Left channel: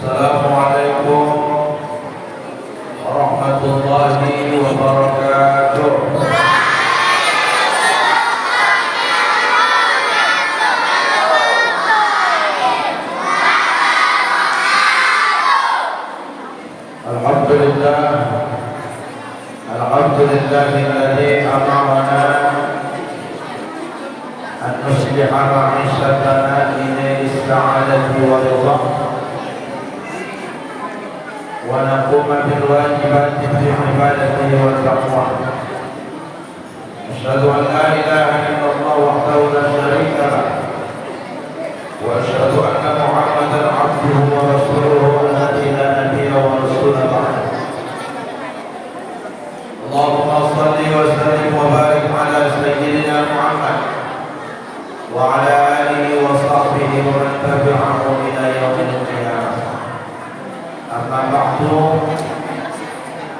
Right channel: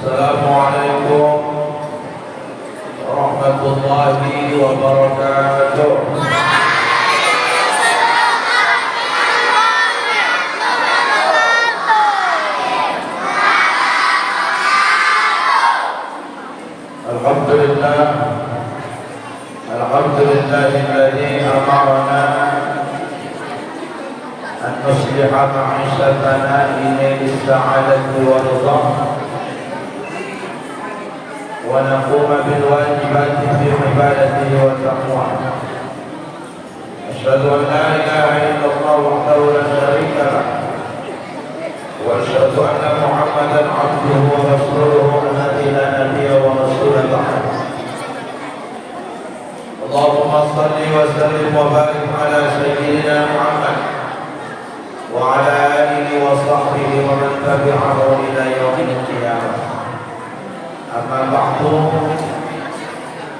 Assalamualaikum warahmatullahi wabarakatuh. Alhamdulillah, alhamdulillahilladzi amarna an nusliha ma'ishatana ila as-sa'adati wa ridha wa naquma bil wajibati fi ibadatihi wa taqwa. Asyhadu an la ilaha illallah wahdahu la syarika lah wa asyhadu anna Muhammadan abduhu wa rasuluhu alladzi la nabiyya wa rasula ba'd. Allahumma shalli wa sallim wa barik ala sayyidina Muhammad wa ala alihi wa sahbihi wa man tabi'ahu ila yaumil qiyamah. Amma ba'du,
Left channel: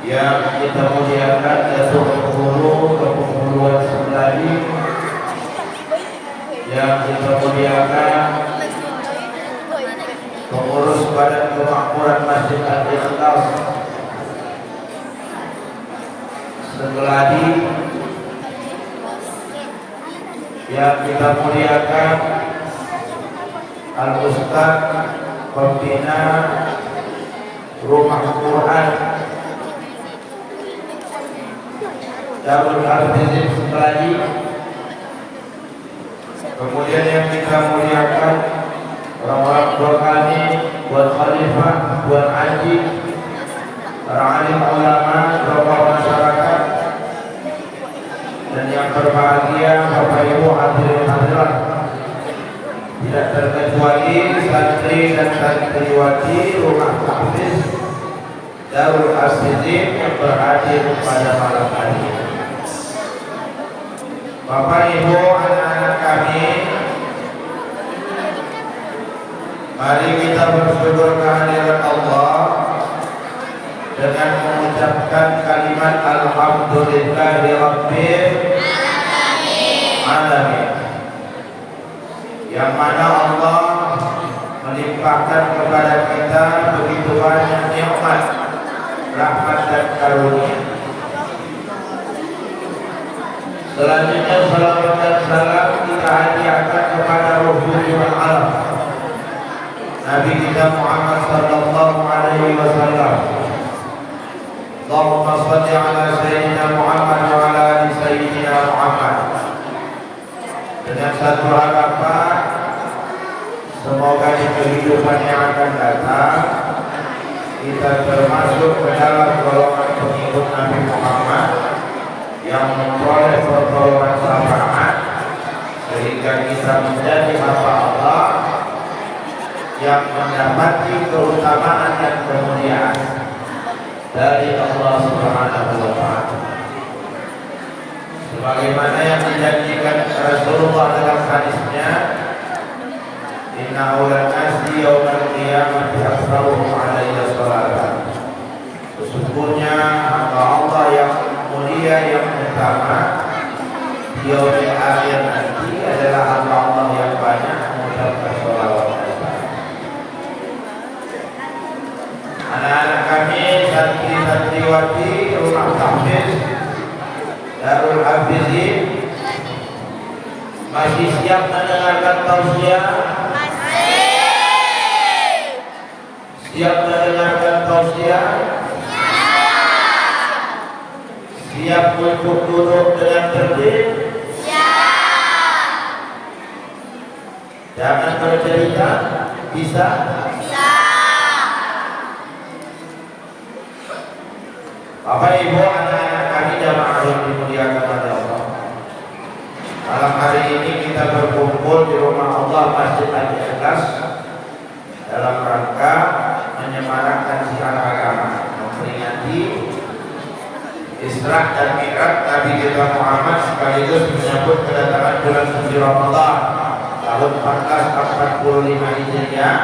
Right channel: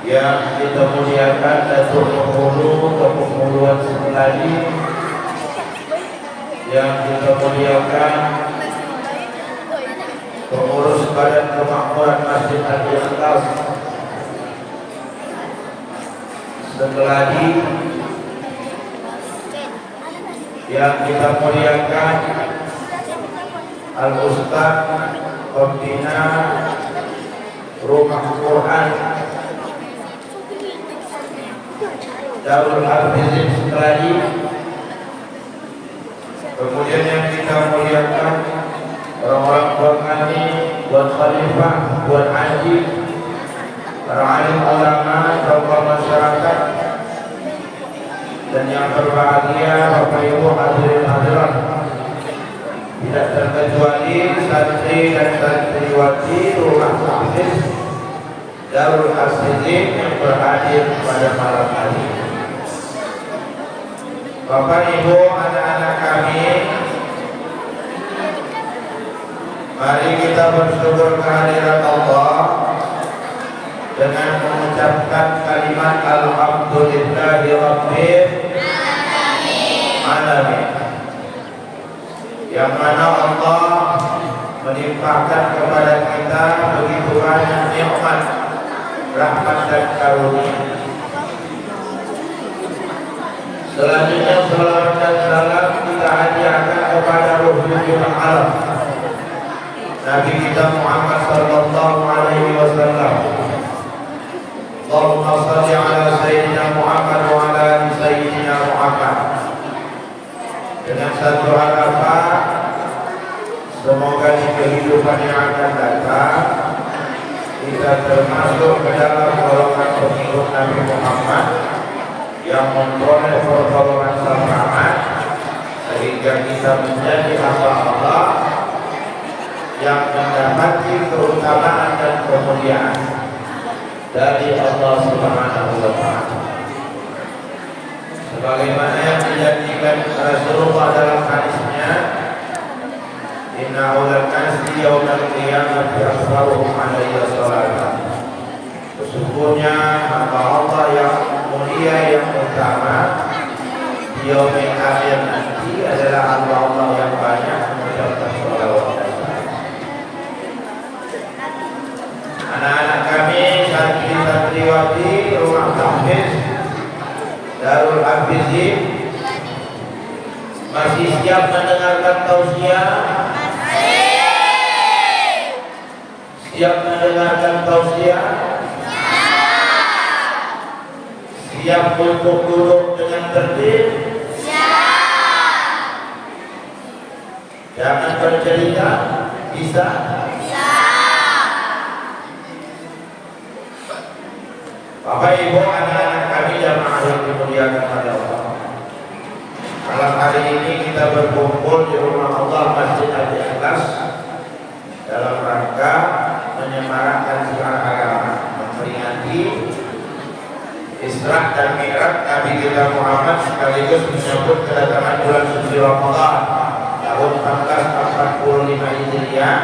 yang kita muliakan Datuk Penghulu Kepulauan Semladi, yang kita muliakan pengurus Badan Kemakmuran Masjid Al-Ikhlas Semladi, yang kita muliakan Al-Ustaz Pembina Rumah Quran Darul Hafizin Semladi, kemudian yang kita muliakan orang-orang Qur'ani, buat khalifah, buat haji, para alim ulama, tokoh masyarakat, dan yang berbahagia Bapak Ibu hadirin hadirat, tidak terkecuali santri dan santriwati Rumah Hafiz Darul Hafizin yang berhadir pada malam hari ini. Bapak Ibu, anak-anak kami, mari kita bersyukur kehadiran Allah dengan mengucapkan kalimat Alhamdulillahi Rabbil Alamin, yang mana Allah melimpahkan kepada kita begitu banyak nikmat, rahmat dan karunia. Selanjutnya salawat dan salam kita hadiahkan kepada Rasulul Alam, Nabi kita Muhammad sallallahu alaihi wasallam. Allahumma shalli ala sayyidina Muhammad wa ala ali sayyidina Muhammad. Dengan satu harapan, semoga di kehidupan yang akan datang kita termasuk ke dalam golongan pengikut Nabi Muhammad yang memperoleh pertolongan syafaat, sehingga kita menjadi hamba Allah yang mendapati keutamaan dan kemuliaan dari Allah Subhanahu wa Ta'ala, sebagaimana yang dijanjikan Rasulullah dalam hadisnya, inna awlan nasi yawmal qiyamati aktsaruhum alayya sholatan. Sesungguhnya hamba Allah yang mulia, yang utama di yaumil akhir nanti adalah hamba Allah yang banyak mengucapkan sholawat. Anak-anak kami, santri-santriwati Rumah Hafiz Darul Hafizin, masih siap mendengarkan tausiah? Siap mendengarkan tausiah? Siap untuk duduk dengan tertib? Jangan bercerita, bisa? Bapak Ibu, anak-anak kami jamaah yang dimuliakan oleh Allah, malam hari ini kita berkumpul di rumah Allah Masjid Al-Ikhlas dalam rangka menyemarakan siar agama, memperingati Isra dan Mi'raj Nabi kita Muhammad, sekaligus menyambut kedatangan bulan suci Ramadan tahun 1445 Hijriah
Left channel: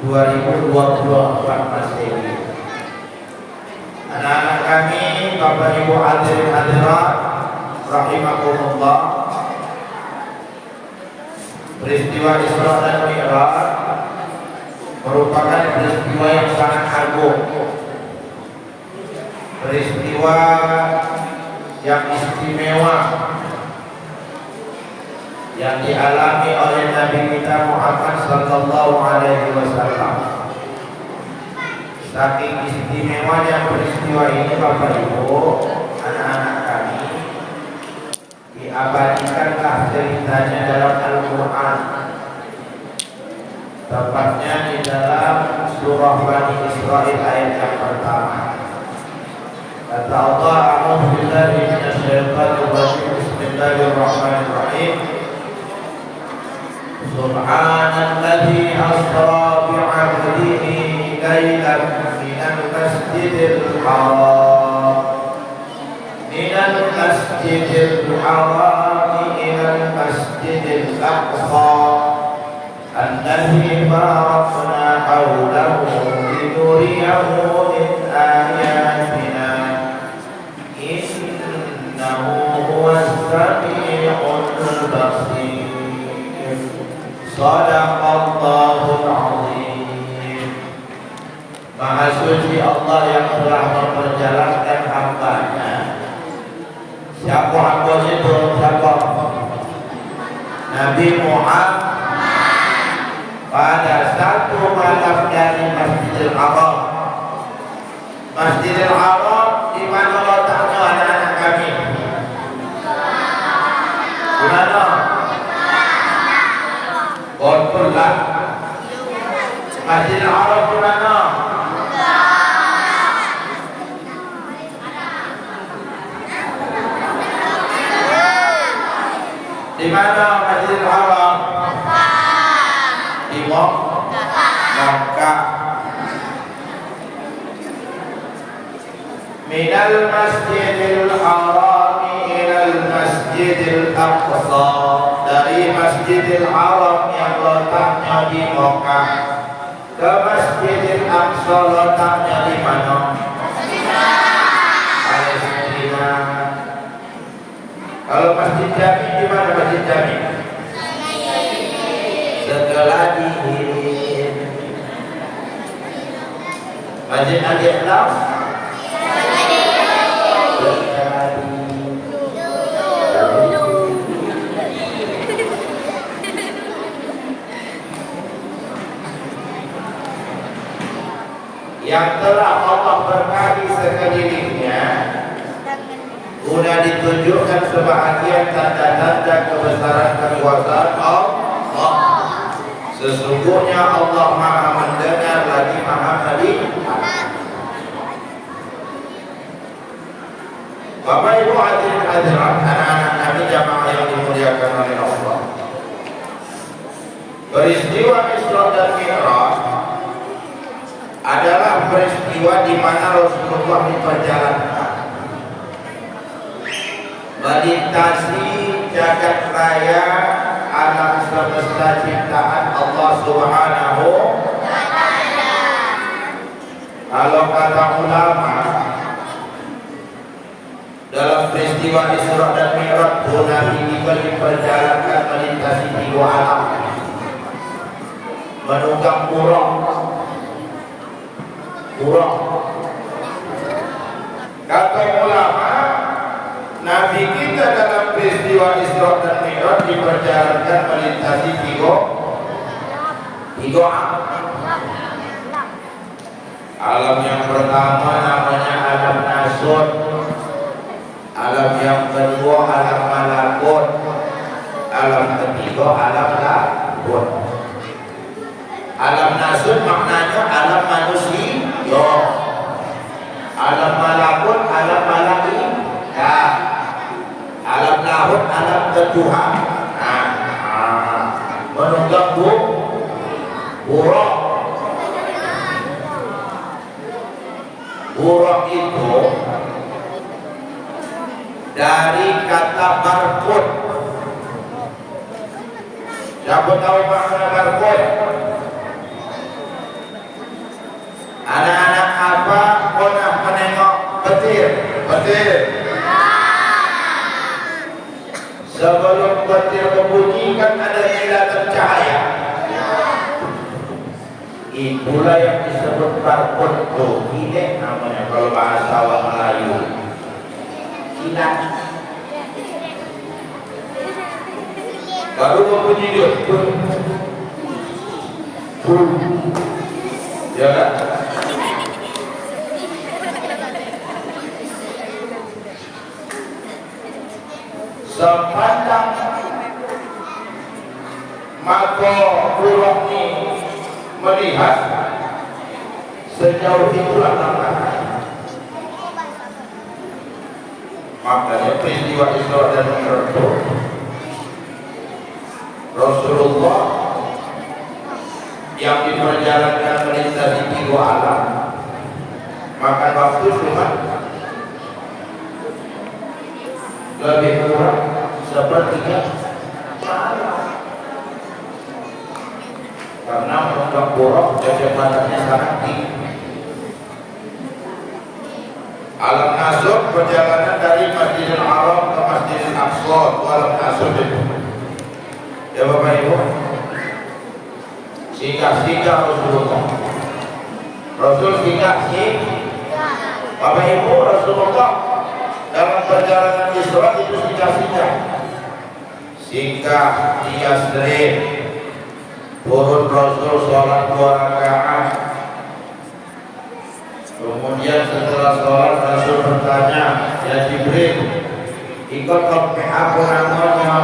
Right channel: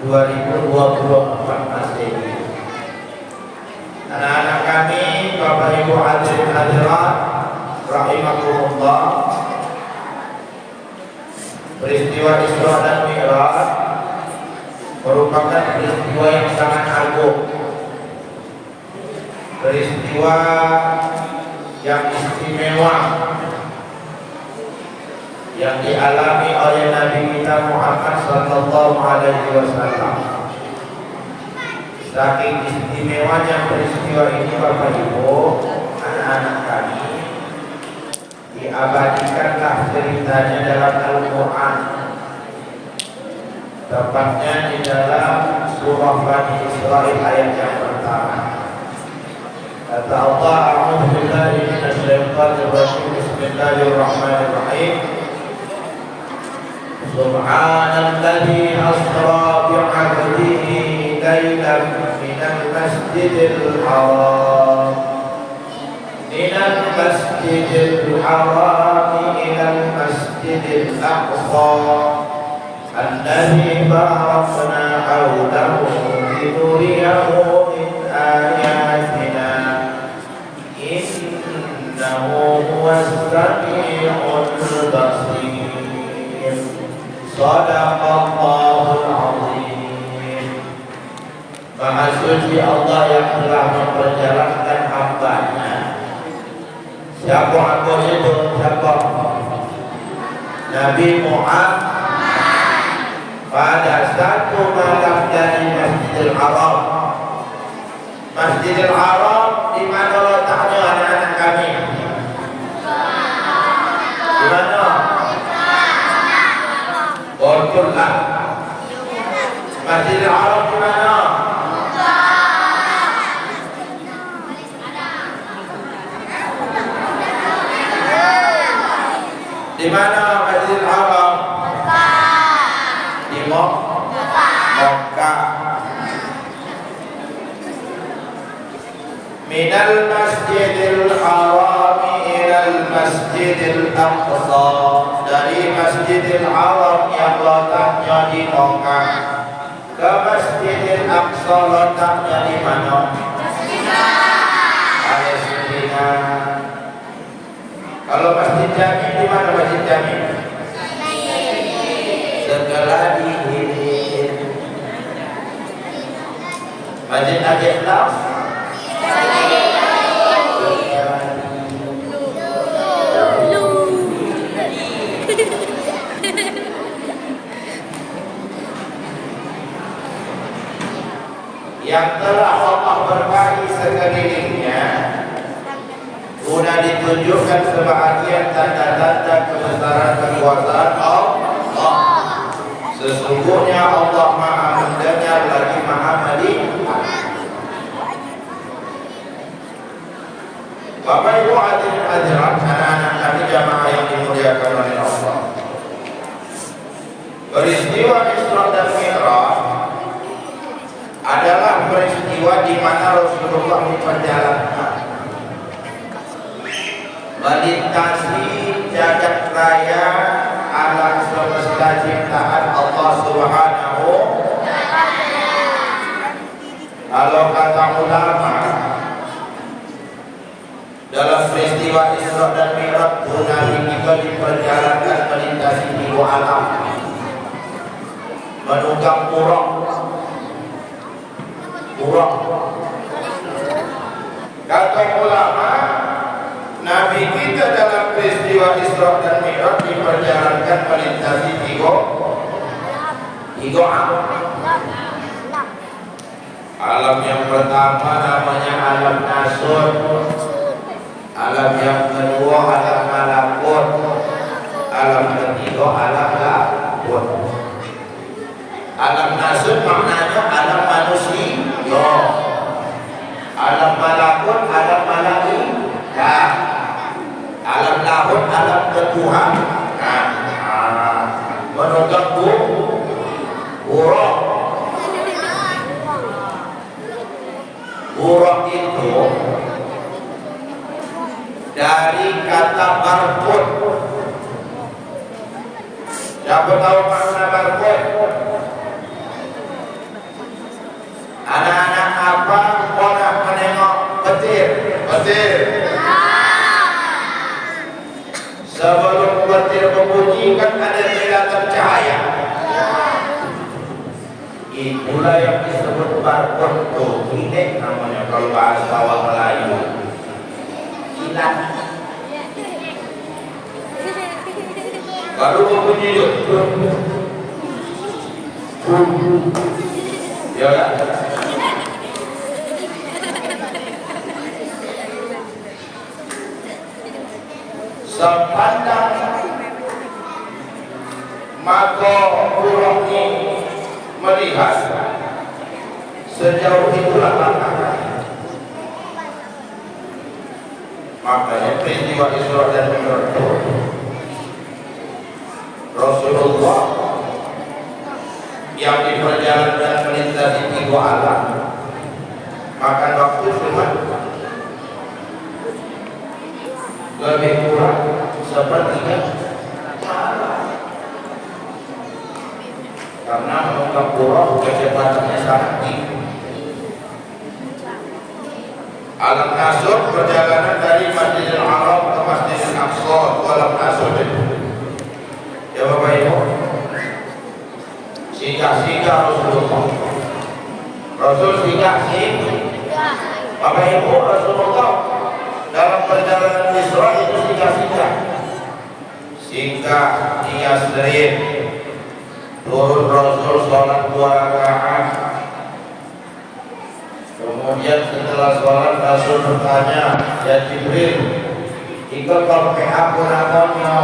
2024 Masehi. Anak-anak kami, Bapak Ibu hadirin hadirat rahimakumullah, peristiwa Isra dan Mi'raj merupakan peristiwa agung, peristiwa yang istimewa yang dialami oleh Nabi kita Muhammad sallallahu alaihi wasallam. Saking istimewanya peristiwa ini, Bapak Ibu, anak-anak kami, diabadikanlah ceritanya dalam Al-Quran. Tepatnya di dalam surah Bani Israil ayat yang pertama. Kata Allah, a'udzu billahi minasyaitonir rajim. Bismillahirrahmanirrahim. Subhanalladzi asra bi'abdihi lailan minal masjidil haram ilal masjidil aqsa alladzi barakna hawlahu linuriyahu min ayatina innahu huwas sami'ul basir. Shadaqallahul azim. Maha suci Allah yang telah memperjalankan hamba-Nya. Siapa hamba itu? Siapa? Nabi Muhammad pada satu malam dari Masjidil Haram. Masjidil Haram di mana letaknya anak-anak kami? Di mana? Betul-betul. Masjidil Haram di mana? Di mana Masjidil Haram? Di Makkah. Minal Masjidil Haram ilal Masjidil Aqsa. Dari Masjidil Haram yang letaknya di Makkah ke Masjidil Aqsa letaknya di mana? Palestina. Kalau Masjid Jami di mana Masjid Jami? Segala dihirin. Masjid Al-Islam? Yang telah Allah berkahi sekelilingnya, guna ditunjukkan sebahagian tanda-tanda kebesaran kekuasaan Allah. Sesungguhnya Allah Maha mendengar lagi Maha melihat. Bapak Ibu hadirin hadirat, anak-anak kami jamaah yang dimuliakan oleh Allah. Peristiwa Isra dan Mi'raj adalah peristiwa di mana Rasulullah diperjalankan melintasi jagat raya alam semesta ciptaan Allah Subhanahu. Kalau kata ulama, dalam peristiwa Isra dan Mi'raj Nabi diperjalankan melintasi dua alam, menunggang kurang. Kata ulama, Nabi kita dalam peristiwa Isra dan Mi'raj diperjalankan melintasi tiga alam. Alam yang pertama namanya alam nasur, alam yang kedua alam malakut, alam ketiga alam lahut. Alam nasur maknanya alam manusia, alam malakut alam malaikat, alam lahut alam ketuhanan. Menunggak buruk. Buruk itu dari kata barkut. Siapa tahu makna barkut? Anak-anak apa pernah menengok petir? Sebelum petir berbunyi kan ada kilatan cahaya. Itulah yang disebut barcode ini namanya kalau bahasa orang Melayu. Kilat. Baru berbunyi dia. Ya kan? Sepanjang mata buruk ini melihat sejauh itulah makanya peristiwa Isra dan Mi'raj Rasulullah yang di perjalanan melintasi 3 alam makan waktu cuma lebih kurang sepertiga malam karena menganggap buruk kecepatannya sangat tinggi. Alam Nasr perjalanan dari Masjidil Haram ke Masjidil Aqsa Alam Nasr itu. Ya Bapak Ibu, singgah-singgah Rasulullah. Rasul singgah-singgah. Bapak Ibu, Rasulullah dalam perjalanan Isra itu singgah-singgah. Singgah di Yasrib. Turun Rasul sholat 2 rakaat. Kemudian setelah sholat Rasul bertanya, ya Jibril, ikut ke apa namanya?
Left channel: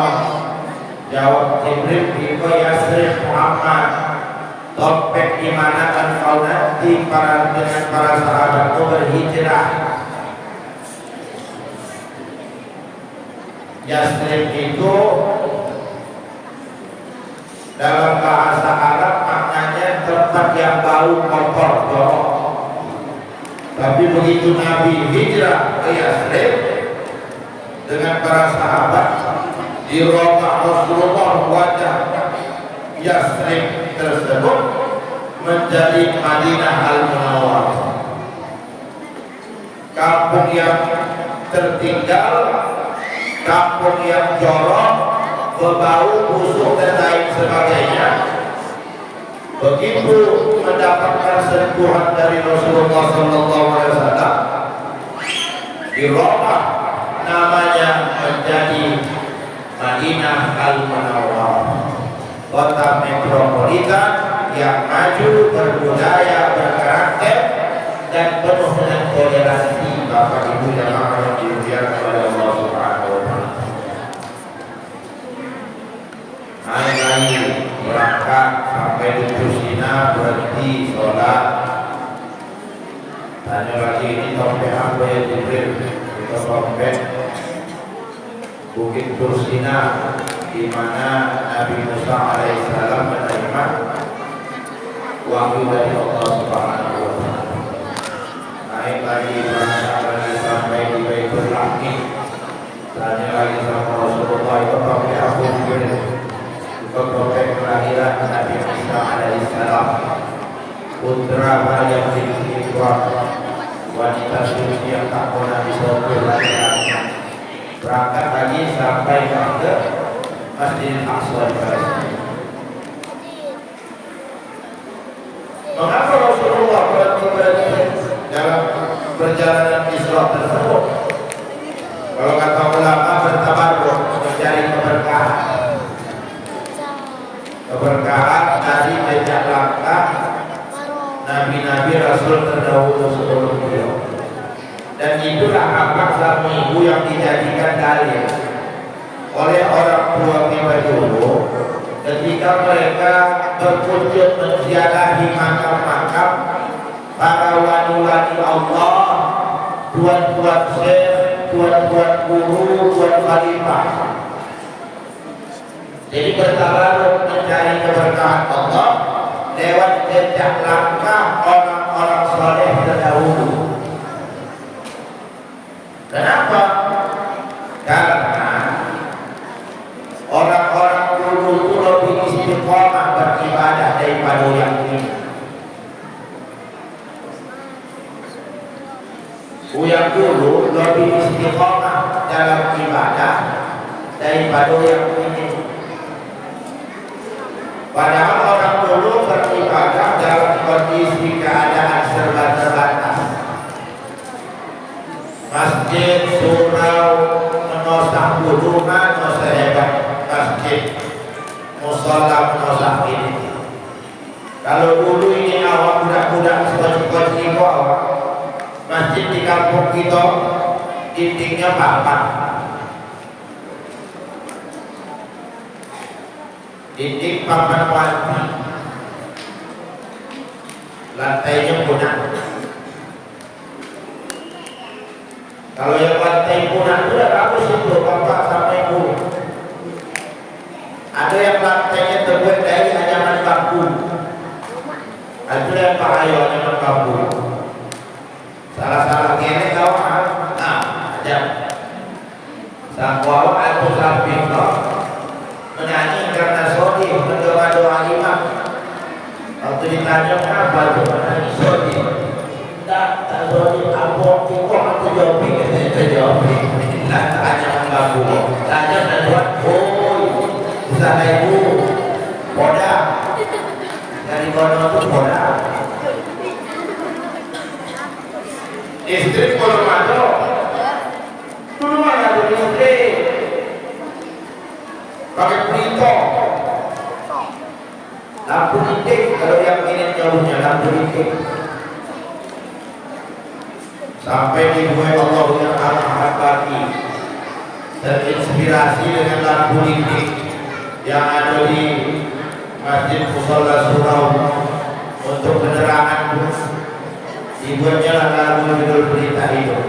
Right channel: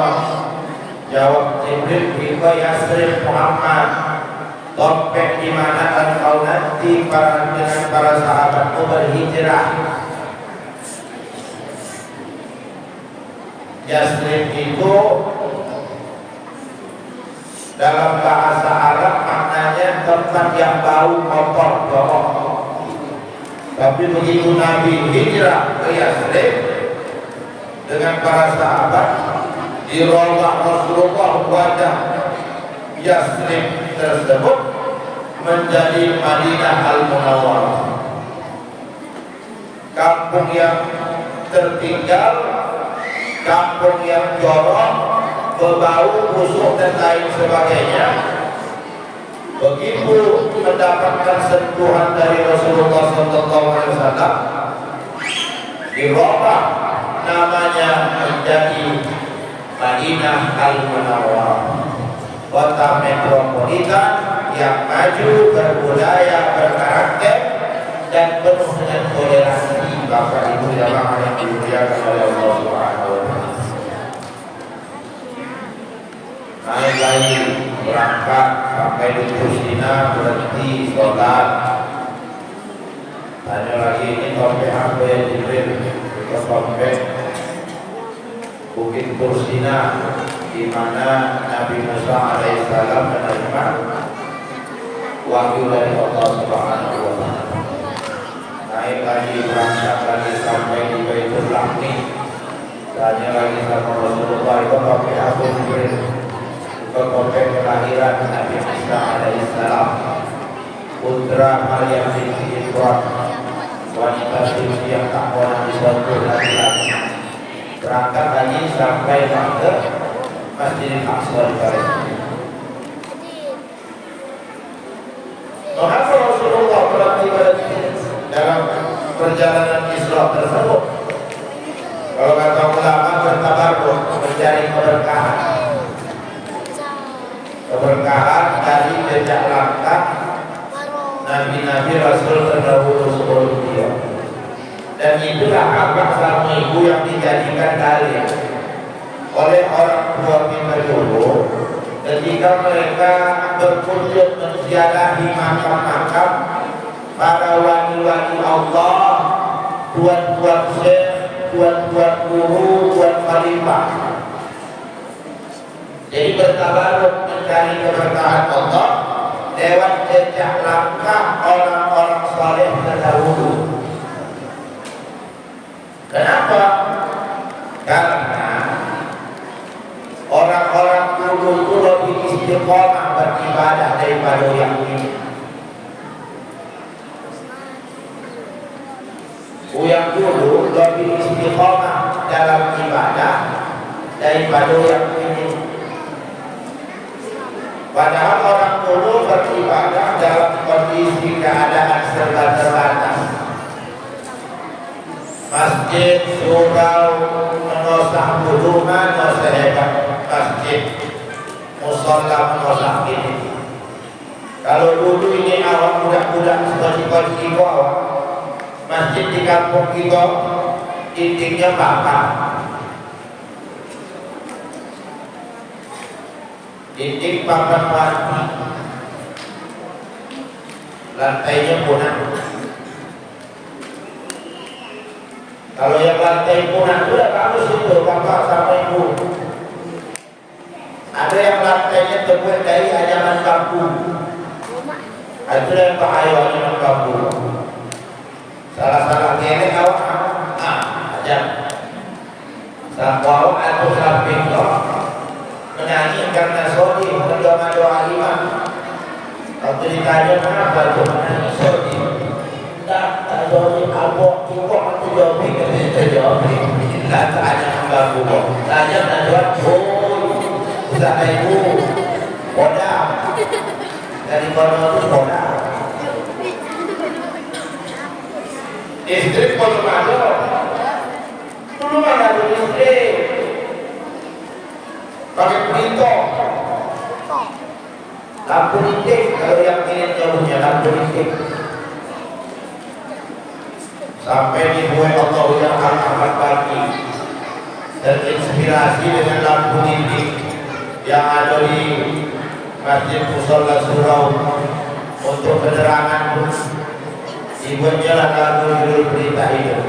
Jawab Jibril, ikut Yasrib Muhammad. Topik di mana engkau nanti dengan para sahabatmu berhijrah. Yasrib itu dalam bahasa Arab maknanya tempat yang bau kotor, jorok. Tapi begitu Nabi hijrah ke Yasrib dengan para sahabat, dirubah Rasulullah wajah Yasrib tersebut menjadi Madinah Al-Munawwarah, kampung yang tertinggal, kampung yang jorok, berbau, busuk dan lain sebagainya. Begitu mendapatkan sentuhan dari Rasulullah SAW, dirubah namanya menjadi Madinah Al-Munawwarah, kota metropolitan yang maju, berbudaya, berkarakter dan penuh dengan toleransi. Bapak Ibu jamaah yang dimuliakan oleh Allah Subhanahu wa taala. Naik lagi berangkat sampai di Kusina, berhenti sholat. Tanya lagi, ini topik apa ya Jibril? Itu topik Bukit Kusina, di mana Nabi Musa alaihissalam menerima wahyu dari Allah Subhanahu wa taala. Naik lagi berangkat lagi sampai di Baitul Aqim. Tanya lagi sama Rasulullah, itu topik apa Jibril? Topik kelahiran Nabi Isa alaihissalam, putra Maryam binti Imran, wanita suci yang tak pernah disorot laki-laki. Berangkat lagi sampai ke Masjidil Aqsa di Palestina. Mengapa Rasulullah berhenti dalam perjalanan Isra tersebut? Kalau kata ulama, bertabarruk, mencari keberkahan dari jejak langkah Nabi-Nabi Rasul terdahulu sebelum beliau. Dan itulah akhlak sang ibu yang dijadikan dalil oleh orang tua kita dulu ketika mereka berkunjung menziarahi makam-makam para wali-wali Allah, tuan-tuan syekh, tuan-tuan guru, tuan khalifah. Jadi bertabarruk mencari keberkahan Allah lewat jejak langkah orang-orang saleh terdahulu. Kenapa? Karena orang-orang dulu itu lebih istiqomah beribadah daripada yang ini. Yang dulu lebih istiqomah dalam ibadah daripada yang ini. Padahal orang dulu beribadah dalam dulu ini awak budak-budak sekoci-koci itu awak. Masjid di kampung kita dindingnya papan. Dinding papan mati. Lantainya punah. Kalau yang lantai punah itu ya bagus itu, bapak sampai ibu. Ada yang lantainya terbuat dari anyaman bambu. Itu yang bahaya anyaman bambu. Salah-salah gelek awak, aja. Sampai atau samping kau menyanyi karena sodi mendoa-doa imam. Kalau ditanya kenapa tu menyanyi sodi? Tak sodi apa? Kau tu jawabin, kita jawabin. Bila tanya bambu, tanya dan buat bisa ibu bodoh. Dari bodoh tu bodoh. Istri kalau ada, dulu mana ada istri, pakai pelito, lampu titik. Kalau yang ini jauhnya lampu titik, sampai dibuat Allah yang amat bagi terinspirasi dengan lampu titik yang ada di Masjid Mushola Surau untuk penerangan. Dibuatnya lagu judul berita hidup.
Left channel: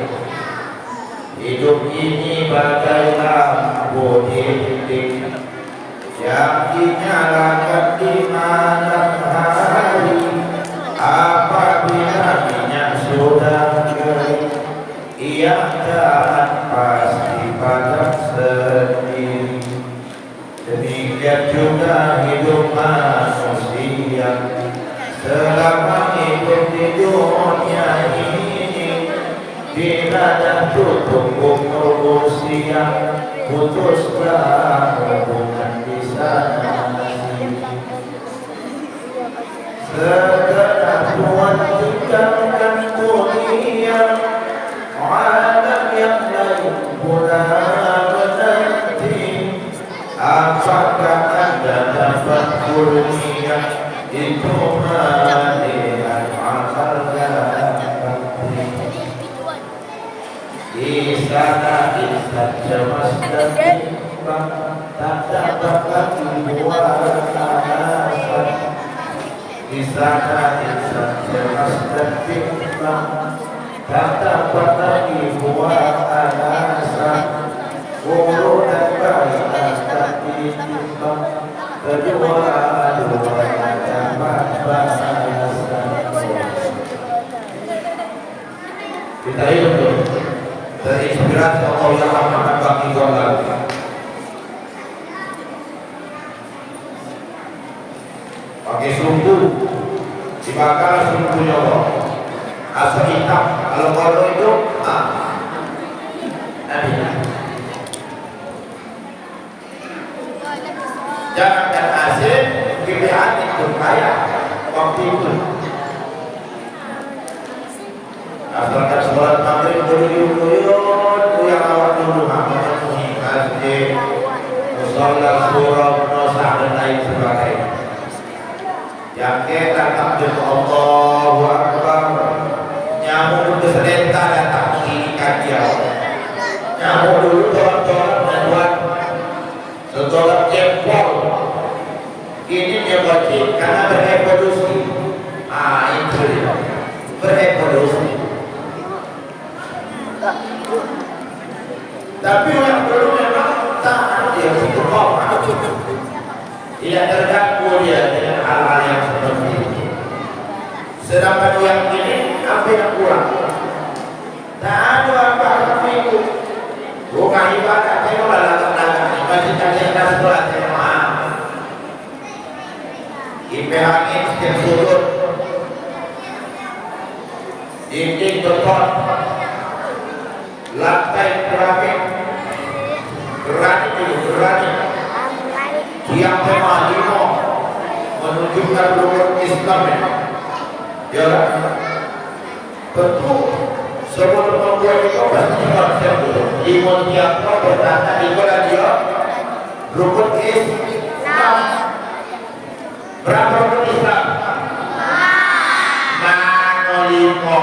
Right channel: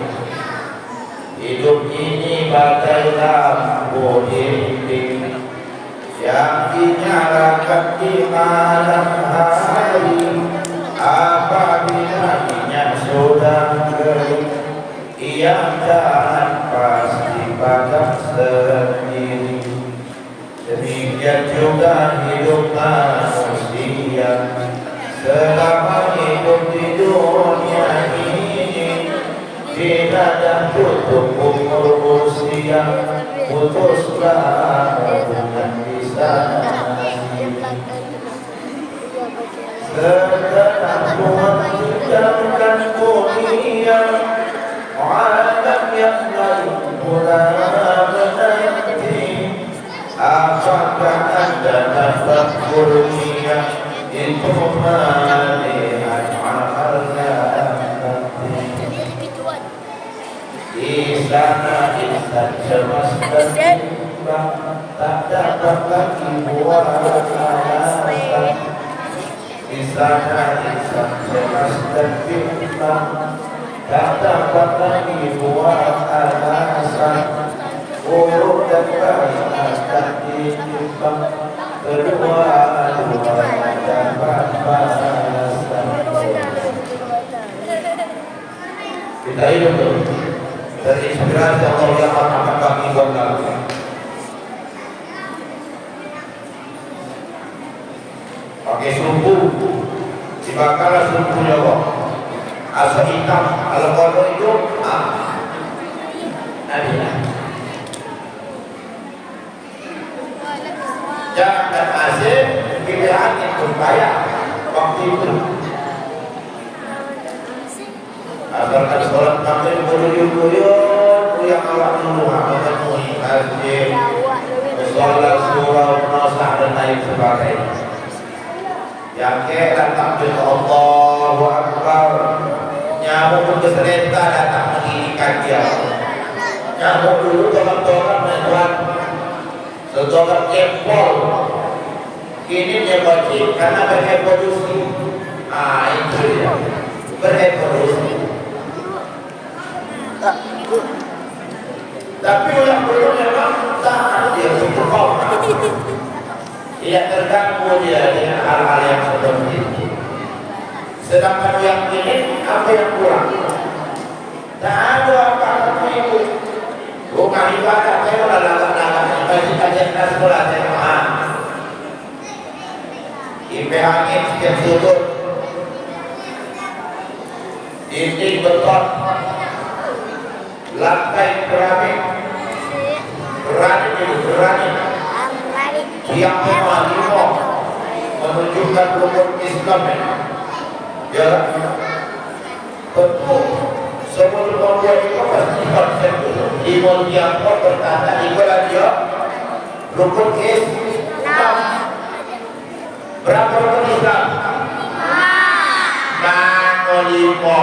Hidup ini bagai lampu dinding yang dinyalakan di malam hari. Apabila minyak sudah kering, ia jalan pasti bakal sendiri. Demikian juga hidup manusia. Selama hidup di dunia ini, bila dah tutup umur usia, putuslah hubungan di sana. Setelah Tuhan tinggalkan dunia, alam yang lain pula menanti. Apakah anda dapat kurnia? Itu melihat amalnya di sana insan cermas dan bimbang, tak dapat lagi buat alasan. Di sana insan cermas dan bimbang, tak dapat lagi buat alasan. Guru dan bayi akan ditimbang, kedua akan balasan. Kita hidup terinspirasi Allah yang amat bagi lagi. Pakai sumbu, dibakar sumbunya Allah. Asal hitam, kalau kodok itu, jangan hasil pilihan itu kaya waktu itu. Asalkan sholat maghrib buyut yang awak dulu memenuhi masjid, musola, surau, nosah dan lain sebagainya. Yang kita takbir Allahu Akbar, nyamuk pun keselenta datang menginginkan dia. Nyamuk dulu tolong-tolong membuat setolak jempol. Ini dia wajib karena berevolusi. Itu dia berevolusi. Tapi yang dulu memang tahan dia istiqomah, tidak terganggu dia dengan hal-hal yang seperti ini. Sedangkan yang ini apa yang kurang? Tak ada apa-apa itu. Rumah ibadah saya lalak-lalak masih ada yang sebelah saya IP angin setiap sudut, dinding beton, lantai keramik, granit, tiang kemah limo menunjukkan rukun Islam ya. Tentu sebelum membuat itu pasti konsep dulu. Imun tiang bertanda ibadah dia rukun Islam. Berapa rukun Islam? lima.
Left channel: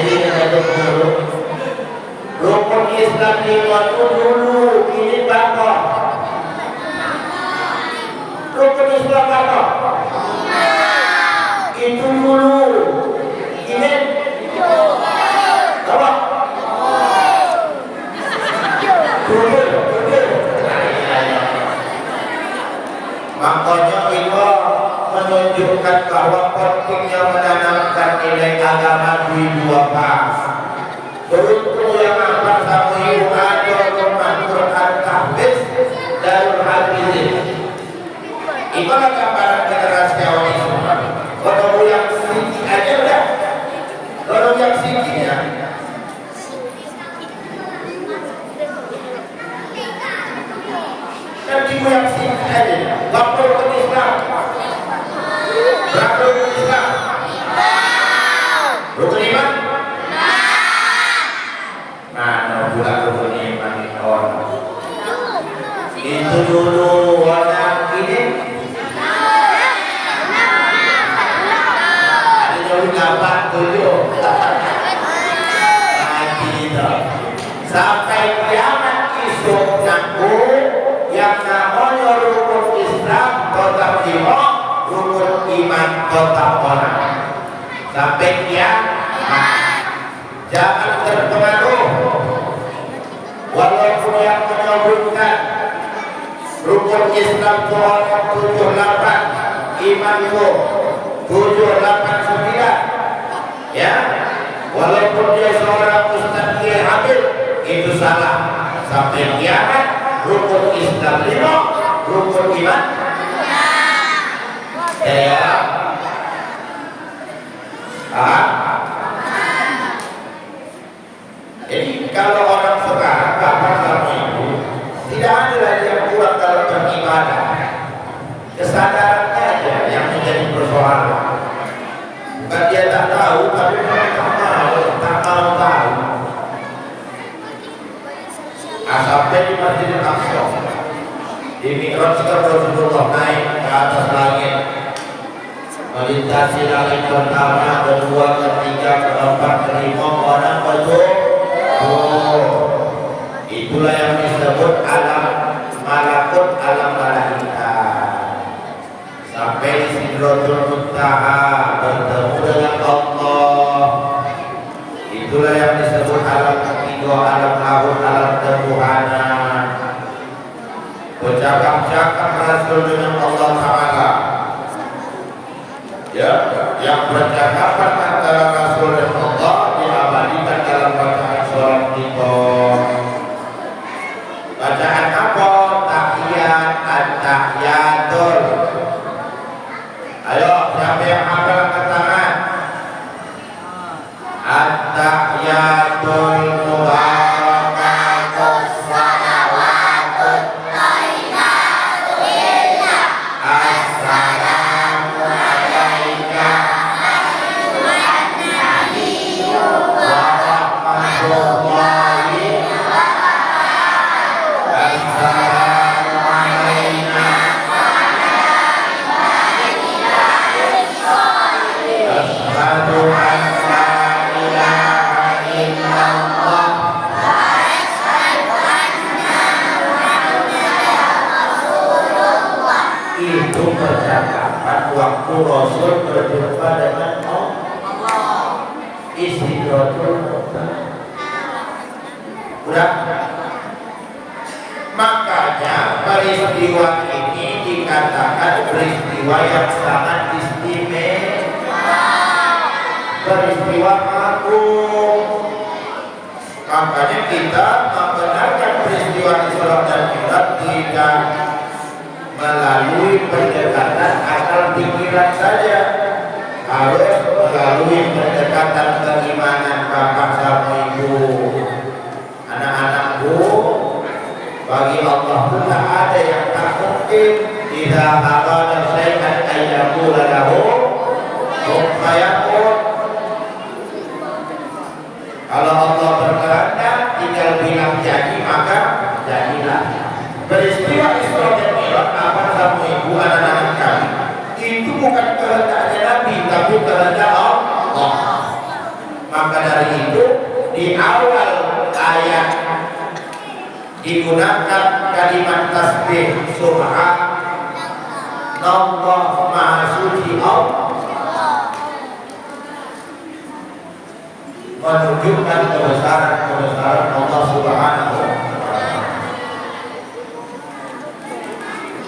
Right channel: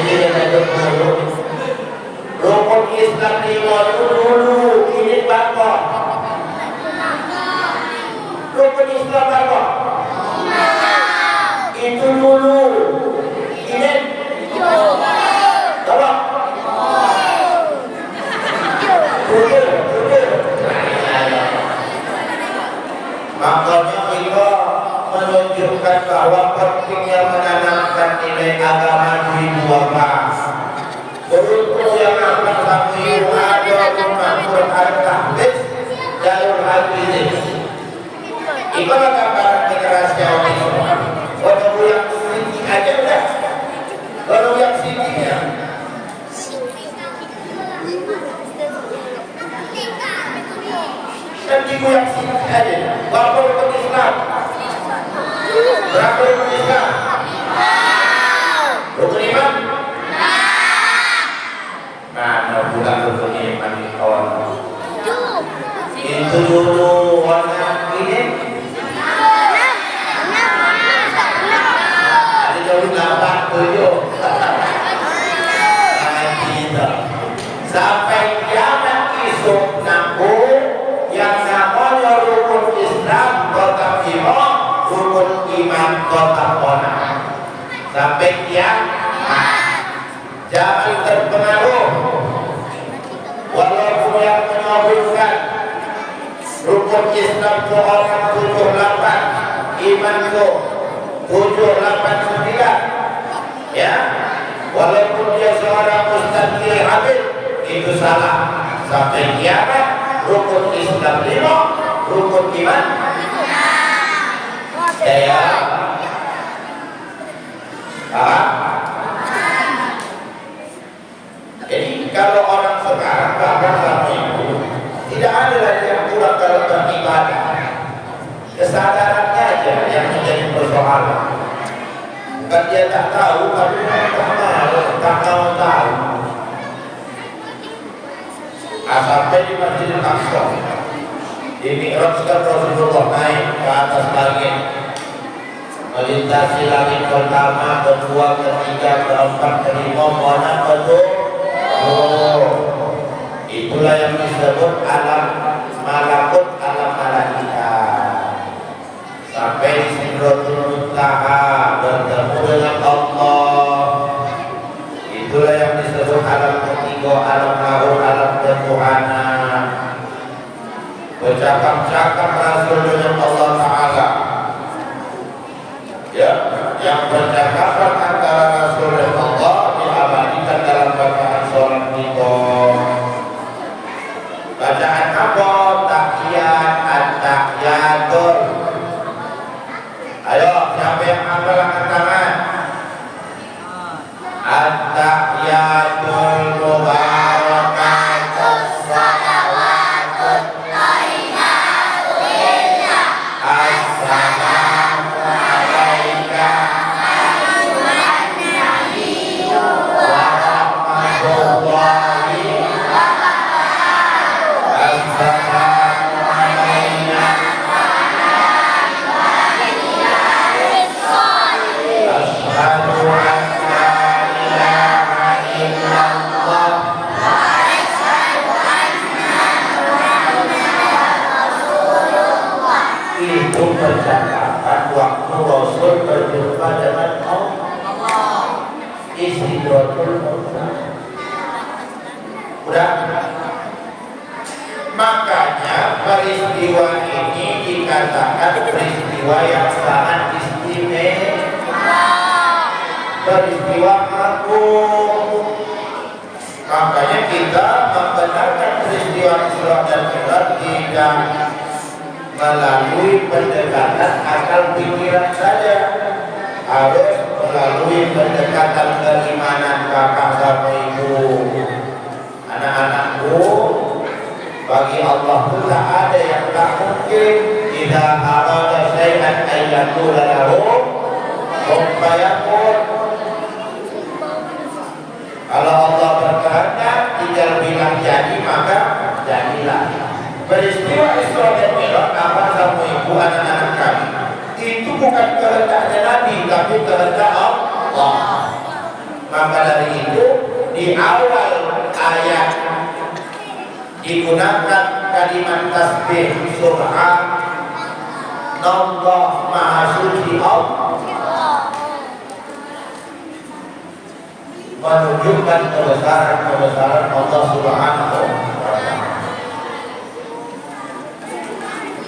Ini ada dulu. Rukun Islam lima itu dulu, ini berapa? Rukun Islam berapa? Itu dulu. Ini berapa? Makanya kita menunjukkan bahwa pentingnya menanamkan nilai agama di dua kelas. Beruntung yang akan kami ada rumah Quran Tahfiz Darul Hafizin. Itulah gambaran generasi awal itu. Kalau yang singgi aja udah. Kalau yang singgi ya. Kan ibu yang singgi aja. Berapa rukun Islam? Berapa rukun Islam? Rukun iman? Mana bukan rukun iman orang? Itu dulu warna ini. Ada jauh 87. Gitu. Sampai kiamat esok nanti yang namanya rukun Islam tetap lima, rukun iman tetap orang. Sampai kiamat jangan terpengaruh walaupun yang menyebutkan rukun Islam itu orang 78, iman itu 789, ya, walaupun dia seorang Ustaz Kiai Habib, itu salah. Sampai kiamat rukun Islam 5, rukun iman ya. Jadi kalau orang sekarang bahkan sama ibu tidak ada lagi yang kurang dalam beribadah. Kesadarannya aja yang menjadi persoalan. Bukan dia tak tahu, tapi memang tak mau tahu. Sampai di Masjidil Aqsa, di Mi'rajkan Rasulullah naik ke atas langit, melintasi langit pertama, kedua, ketiga, keempat, kelima, mana betul? Itulah yang disebut alam malakut, alam malaikat. Sampai di Sidratul Muntaha bertemu dengan Allah. Itulah yang disebut alam ketiga, alam lahir, alam ketuhanan. Bercakap-cakap Rasul dengan Allah Ta'ala. Ya, yang percakapan antara Rasul dan Allah diabadikan dalam bacaan sholat kita. Bacaan apa? Tahiyat, at-tahiyatul. Ayo, siapa yang hafal angkat tangan? At-tahiyatul mubarakatus shalawatut thayyibatu lillah. Assalamu alaika ayyuhan nabiyyu wa rahmatullahi wa barakatuh. Assalamu alaina wa ala ibadillahis sholihin. Asyhadu an la ilaha illallah wa asyhadu anna Muhammadan Rasulullah. Itu percakapan waktu Rasul berjumpa dengan Allah. Istidratul Muntaha. Udah? Makanya peristiwa ini dikatakan peristiwa yang sangat istimewa, peristiwa agung. Makanya kita membenarkan peristiwa Isra dan Mi'raj tidak melalui pendekatan akal pikiran saja, harus melalui pendekatan keimanan bapak sama ibu. Anak-anakku, bagi Allah itu tak ada yang tak mungkin. Idza arada syai'an ayyaqula lahu kun fayakun. Kalau Allah berkehendak tinggal bilang jadi, maka jadilah. Peristiwa Isra dan Mi'raj apa sama ibu, anak-anak kami itu kehendak Allah. Maka dari itu di awal ayat digunakan kalimat tasbih Subhanallah Maha Suci Allah, menunjukkan kebesaran Allah Subhanahu wa Ta'ala.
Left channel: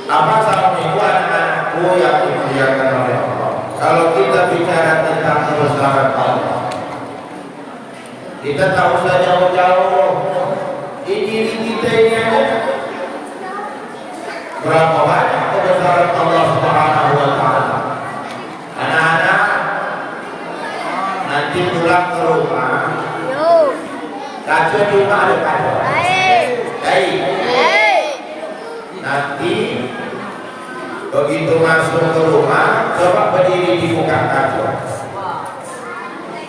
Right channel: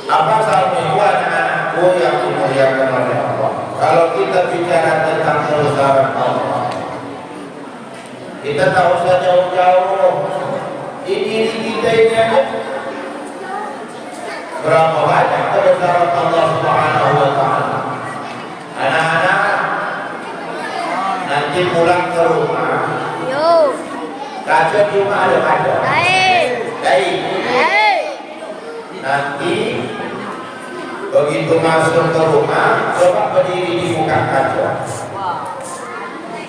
Apa sama itu anak-anakku yang dimuliakan oleh Allah? Kalau kita bicara tentang kebesaran Allah, kita tak usah jauh-jauh di diri kita ini aja. Berapa banyak kebesaran Allah Subhanahu wa Ta'ala. Anak-anak nanti pulang ke rumah, kaca di rumah ada kaca. Nanti begitu masuk ke rumah, coba berdiri di muka kaca,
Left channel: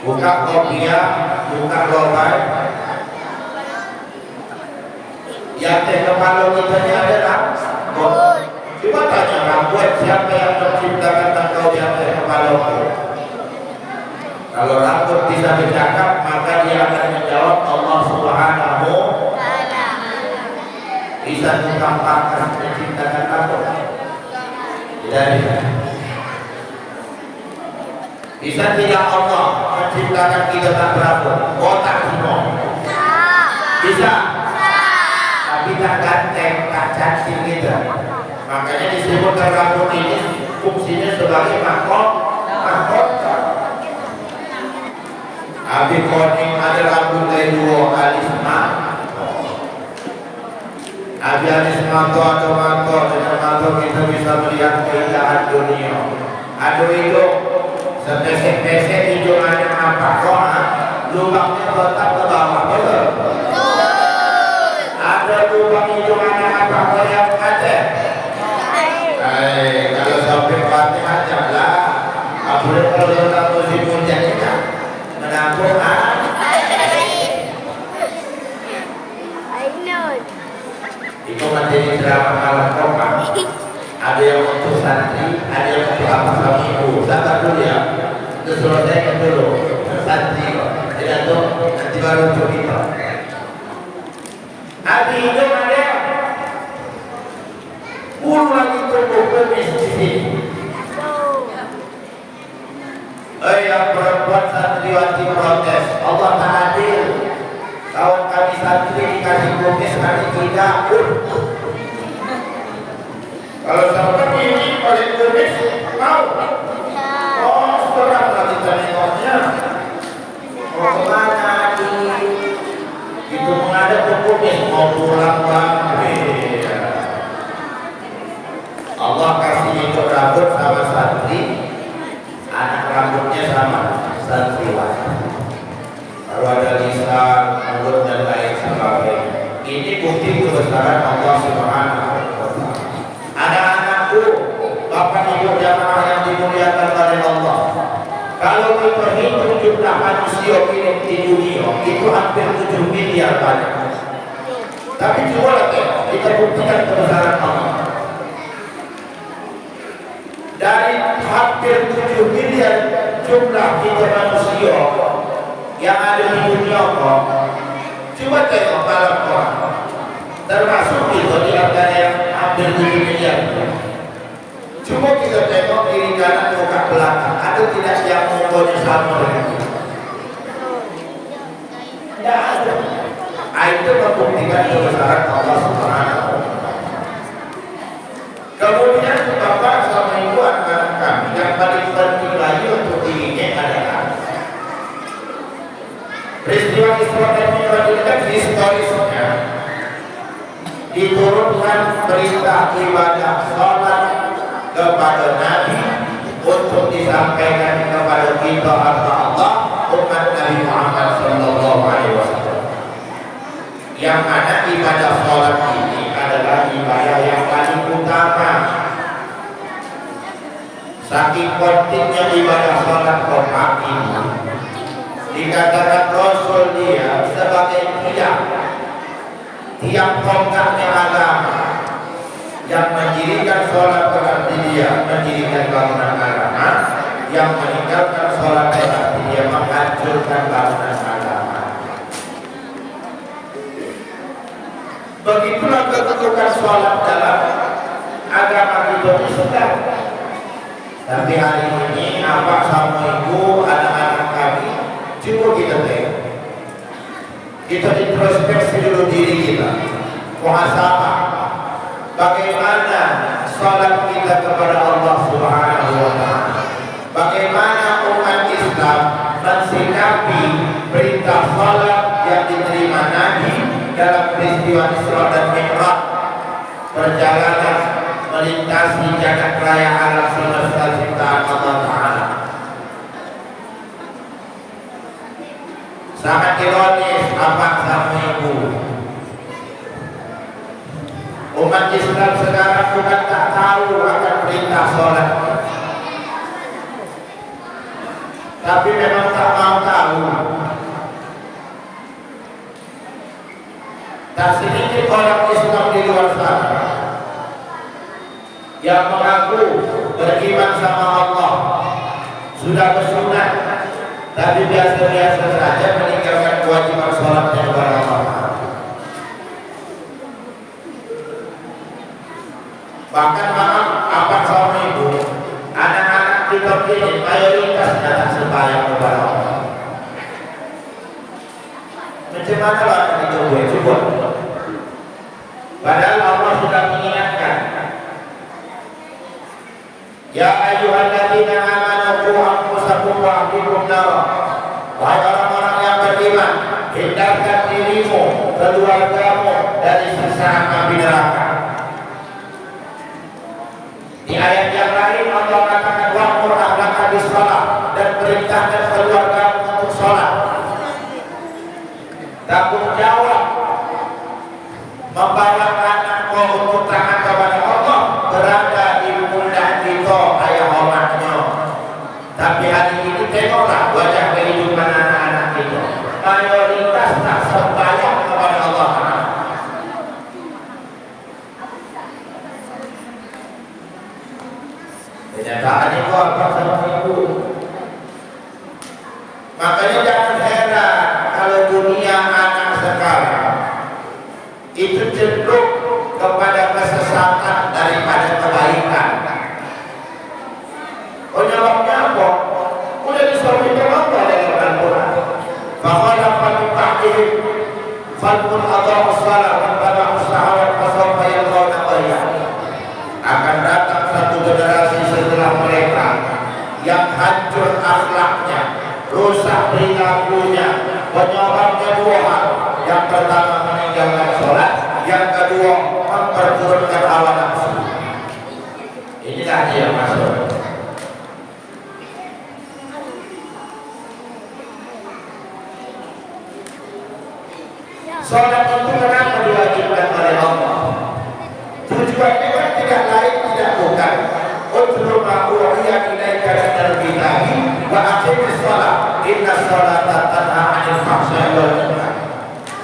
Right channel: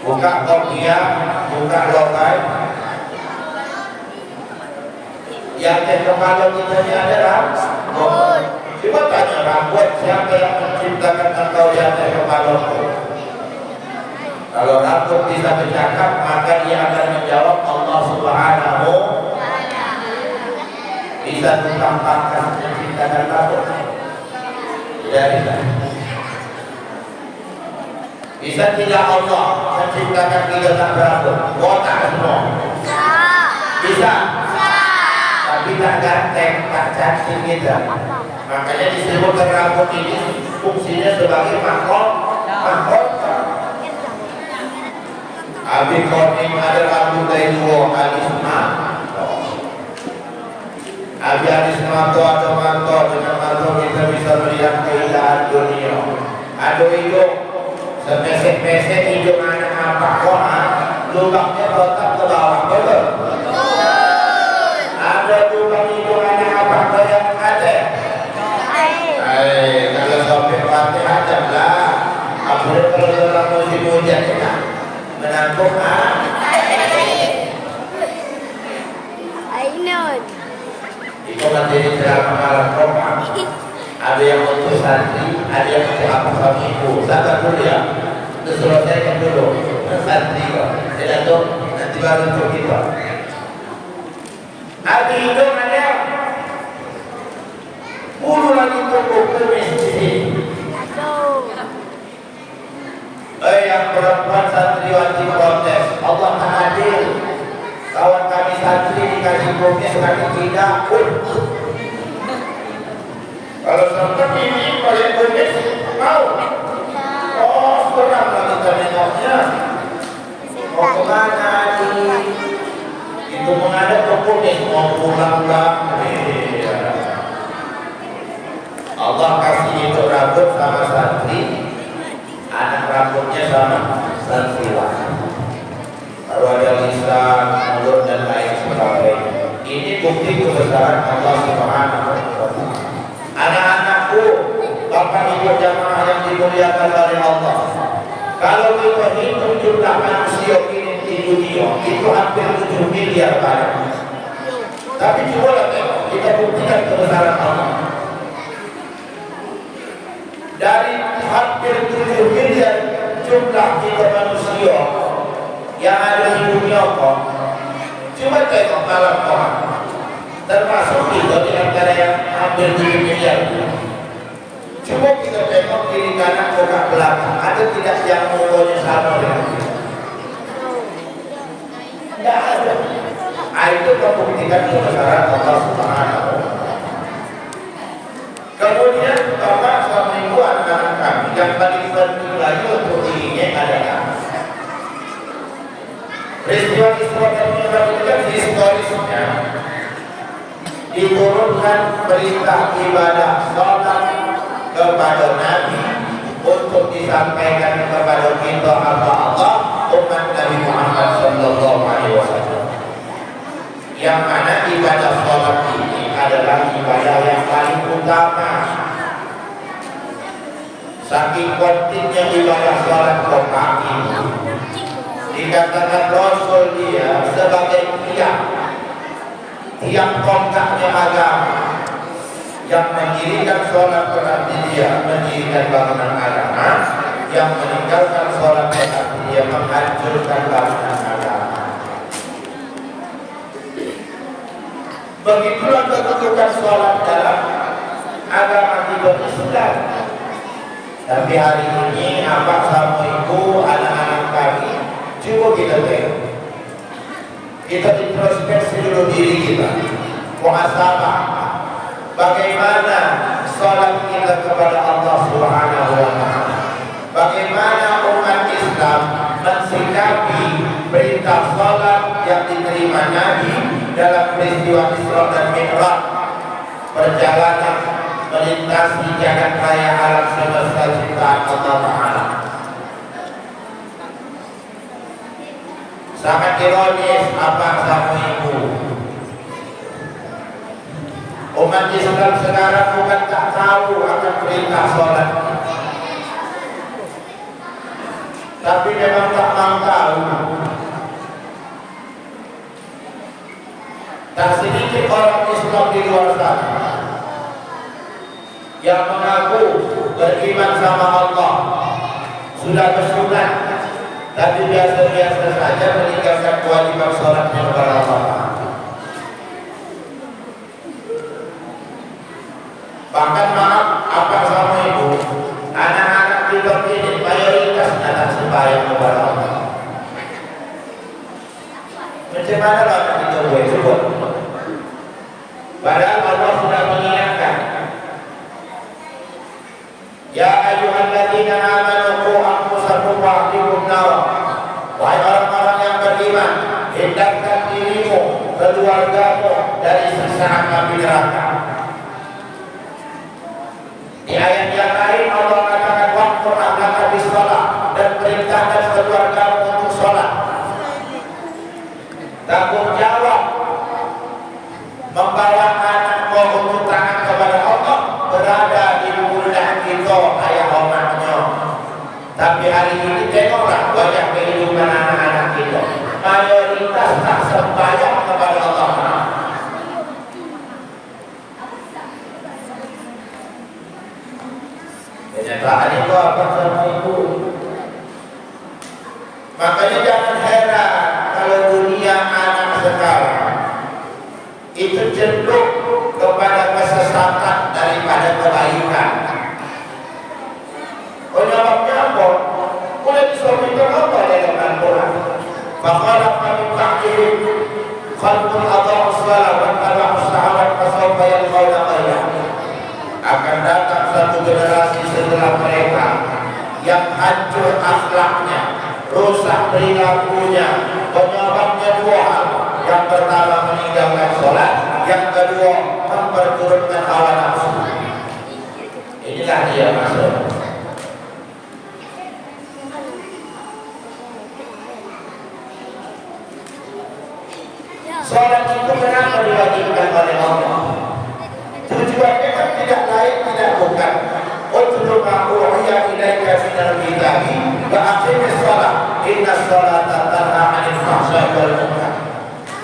buka kopiah, buka lokai. Yang kepala kita ini ada rambut. Coba tanya rambut, siapa yang menciptakan engkau di atas kepalamu? Kalau rambut bisa bercakap, maka dia akan menjawab Allah Subhanahu. Bisa ditampakkan menciptakan rambut? Tidak bisa. Bisa tidak Allah menciptakan kita tanpa rambut? Botak semua. Bisa. Tapi tak ganteng, tak cantik kita. Makanya disebutkan rambut ini fungsinya sebagai mahkota. Abi koning ada rambut dari dua alisma. Abi alisma ada manto, dengan manto kita bisa melihat keindahan dunia. Ada hijau, sepesek-pesek hijau anak apa doa, lubangnya letak ke bawah, betul? Ada lubang hijau anak apa yang kaca? Kalau sampai mati aja lah. Apalagi kalau dalam musim hujan ini menampung itu menjadi ceramah malam koma. Ada yang untuk santri, ada yang untuk apa sama ibu. Sabar dulu ya, selesaikan dulu santri kok. Tidak tuh nanti baru untuk kita. Abi hidung ada puluh lagi tumbuh kumis di sini. Yang perempuan santriwati protes, Allah tak adil. Kawan kami santri dikasih kumis, kami tidak pun. Kalau seperti ini paling kumis mau. Oh, seram lagi tengoknya. Mau kemana adik? Itu menghadap ke kumis, mau pulang bangkit. Allah kasih itu rambut sama santri, anak rambutnya sama santriwati. Kalau ada lisan, mulut dan lain sebagainya. Ini bukti kebesaran Allah Subhanahu wa Ta'ala. Anak-anakku, bapak ibu jamaah yang dimuliakan oleh Allah. Kalau kita hitung jumlah manusia ini di dunia, itu hampir 7 miliar banyak. Tapi coba tengok, kita buktikan kebesaran Allah. Dari hampir 7 miliar jumlah kita manusia yang ada di dunia Allah, coba tengok malam orang, termasuk kita di antara yang hampir 7 miliar. Coba kita tengok kiri kanan muka belakang, ada tidak yang mukanya sama dengan kita? Tidak ada. Itu membuktikan kebesaran Allah Subhanahu wa Ta'ala. Kemudian bapak sama ibu anak-anak kami yang paling penting lagi untuk dirinya adalah peristiwa ini kan historisnya diturunkan perintah ibadah sholat kepada Nabi untuk disampaikan kepada kita Allah umat Nabi Muhammad Sallallahu Alaihi Wasallam. Yang mana ibadah sholat ini adalah ibadah yang paling utama. Saking pentingnya ibadah sholat Quran ini, dikatakan Rasul dia sebagai tiang tonggaknya agama yang mendirikan sholat berarti dia mendirikan bangunan agama, yang meninggalkan sholat berarti dia menghancurkan bangunan agama. Begitulah kedudukan sholat dalam agama kita Islam. Tapi hari ini abang sama ibu, anak-anak kami, coba kita tengok. Kita introspeksi dulu diri kita, muhasabah. Bagaimana sholat kita kepada Allah Subhanahu wa Ta'ala? Bagaimana umat Islam mensikapi perintah sholat yang diterima Nabi dalam peristiwa Isra dan Mi'raj, perjalanan melintasi jagat raya alam semesta ciptaan Allah Ta'ala. Sangat ironis apa sama ibu. Umat Islam sekarang bukan tak tahu akan perintah sholat, tapi memang tak mau tahu. Tak sedikit orang Islam di luar sana yang mengaku beriman sama Allah, sudah bersunat, tapi biasa-biasa saja meninggalkan kewajiban sholatnya kepada Allah. Bahkan maaf, apa sama ibu, anak-anak kita ini mayoritasnya tak sembahyang kepada Allah. Macam mana lah kita boleh coba? Padahal Allah sudah mengingatkan, ya ayyuhalladzina amanu qu anfusakum wa ahlikum nar. Wahai orang-orang yang beriman, hindarkan dirimu, keluargamu dari siksa api neraka. Di ayat yang lain Allah katakan wa'mur ahlaka bis-shalah, dan perintahkan keluargamu untuk sholat. Tanggung jawab membawa anakmu untuk taat kepada Allah berada di pundak kita ayah hormatnya. Tapi hari ini tengoklah wajah kehidupan anak-anak kita, mayoritas tak sembahyang kepada Allah Ta'ala. Kenyataan itu apa sama ibu? Makanya jangan heran kalau dunia anak sekarang itu cenderung kepada kesesatan daripada kebaikan. Penyebabnya apa? Boleh disebutkan apa dalam Al-Quran? Fakhalafa min ba'dihim khalqun adha'u shalah wa ittaba'u syahawat fasawfa yalqawna ghayya. Akan datang satu generasi setelah mereka yang hancur akhlaknya, rusak perilakunya. Penyebabnya dua hal. Yang pertama meninggalkan sholat, yang kedua memperturutkan hawa nafsu. Inilah dia masuk. Sholat itu kenapa diwajibkan oleh Allah? Tujuannya kan tidak lain tidak bukan utlu ma uhiya ilaika minal kitabi wa aqimis shalah innas sholata tanha 'anil fahsya'i wal munkar.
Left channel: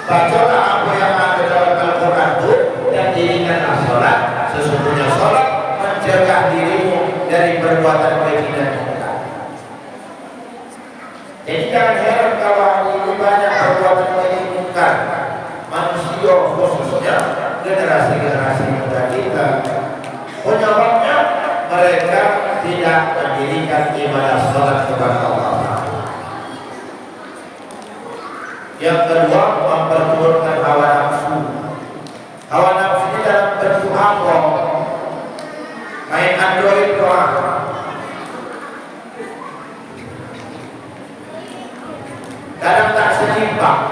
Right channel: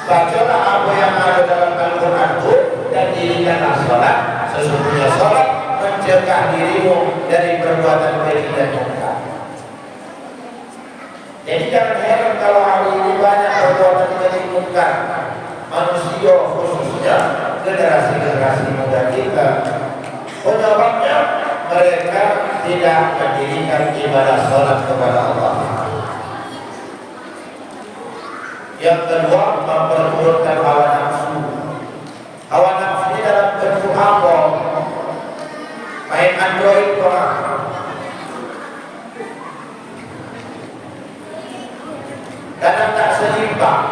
Bacalah apa yang ada dalam Al-Quran itu dan dirikanlah sholat. Sesungguhnya sholat mencegah dirimu dari perbuatan keji dan munkar. Jadi jangan heran kalau hari ini banyak perbuatan keji munkar. Manusia khususnya generasi-generasi muda kita, penyebabnya mereka tidak mendirikan ibadah sholat kepada Allah. Yang kedua, memperturutkan hawa nafsu. Hawa nafsu ini dalam bentuk apa? Main Android doang. Kadang tak seimbang.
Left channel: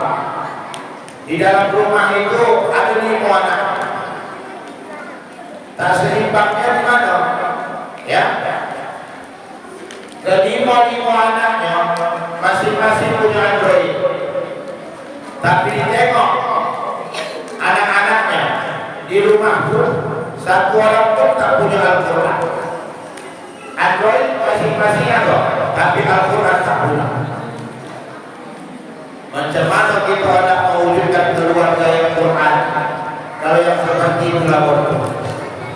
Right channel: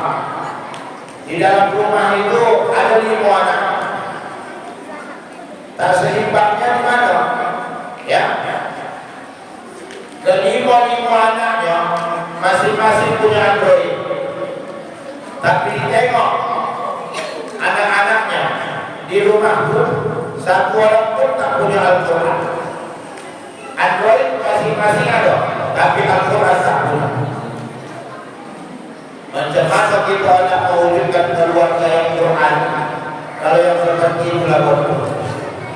Di dalam rumah itu ada 5 anak. Tak seimbangnya di mana? Ya. Kelima anaknya masing-masing punya Android. Tapi ditengok anak-anaknya di rumah pun satu orang pun tak punya Al-Quran. Android masing-masing ada, tapi Al-Quran tak punya. Macam mana kita hendak mewujudkan keluarga yang Quran kalau yang seperti itulah bodoh?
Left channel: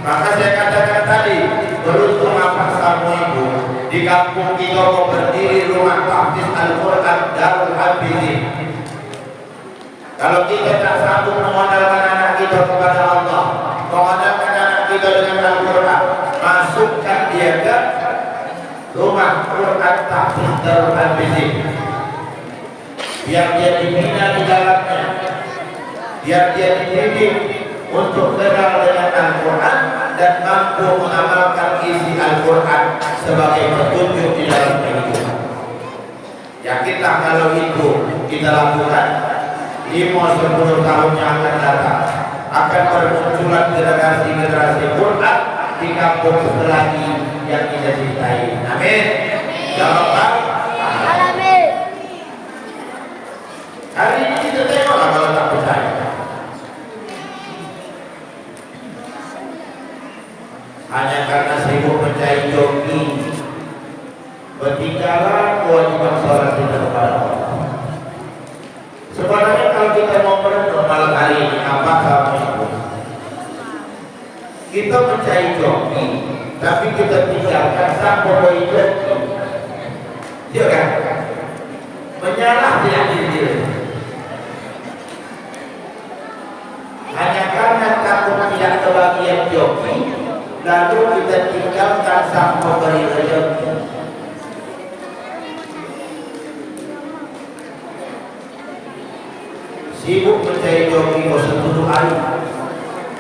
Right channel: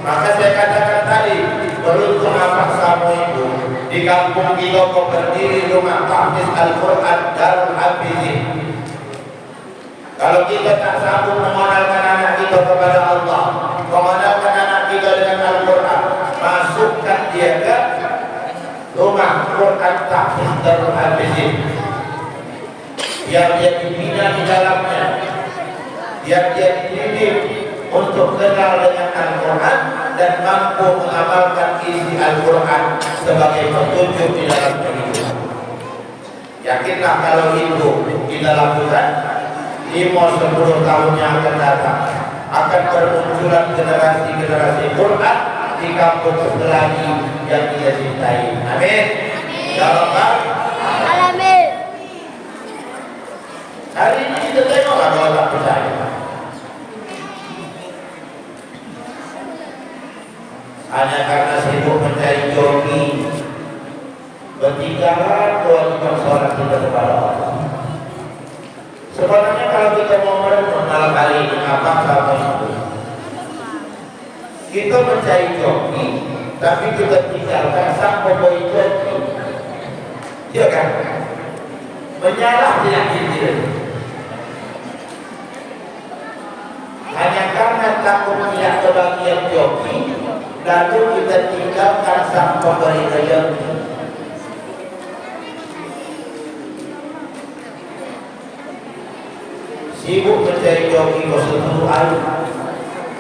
Maka saya katakan tadi, beruntung apa sama ibu di kampung kita mau berdiri rumah tahfiz Al-Quran Darul Hafizin. Kalau kita tak sanggup mengenalkan anak kita kepada Allah, mengenalkan anak kita dengan Al-Quran, masukkan dia ke rumah Quran tahfiz Darul Hafizin, biar dia dibina di dalamnya, biar dia dididik untuk kenal dengan Al-Quran dan mampu mengamalkan isi Al-Quran sebagai petunjuk di dalam kehidupan. Yakinlah kalau itu kita lakukan, 5-10 tahun yang akan datang akan bermunculan generasi-generasi Quran di kampung selagi yang kita cintai. Amin. Ya Rabbal Alamin. Hari ini kita tengoklah kalau tak percaya. Hanya karena sibuk mencari joki, ketinggalan kewajiban sholat kita kepada Allah. Sebenarnya kalau kita mau merenung malam hari ini apa sama itu, kita mencari joki, tapi kita tinggalkan sang pembawa joki. Iya kan? Menyalah tidak diri. Hanya karena takut tidak kebagian joki, lalu kita tinggalkan sang pemberi rezeki. Sibuk mencari joki ke seluruh hari.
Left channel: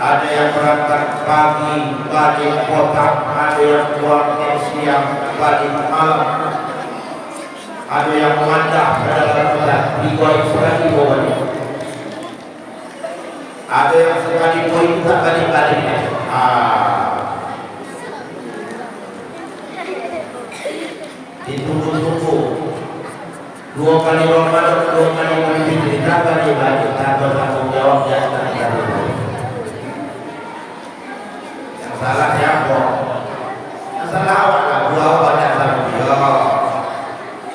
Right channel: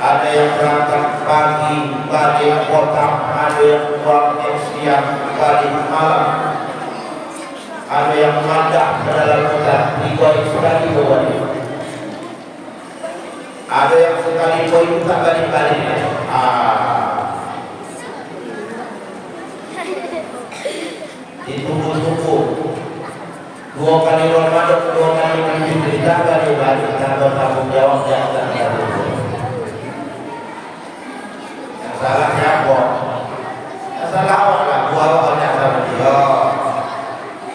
Ada yang berangkat pagi, balik kota, ada yang pulang siang, balik malam, ada yang mandah ke dalam kota, 3 sekali balik. Ada yang sekali itu tak balik-balik. Ditunggu-tunggu 2 kali Ramadan, 2 kali Idul tak balik-balik, tak bertanggung jawab dan tak diatur. Yang salah siapa? Yang salah awak lah, gua awak nak sama dia.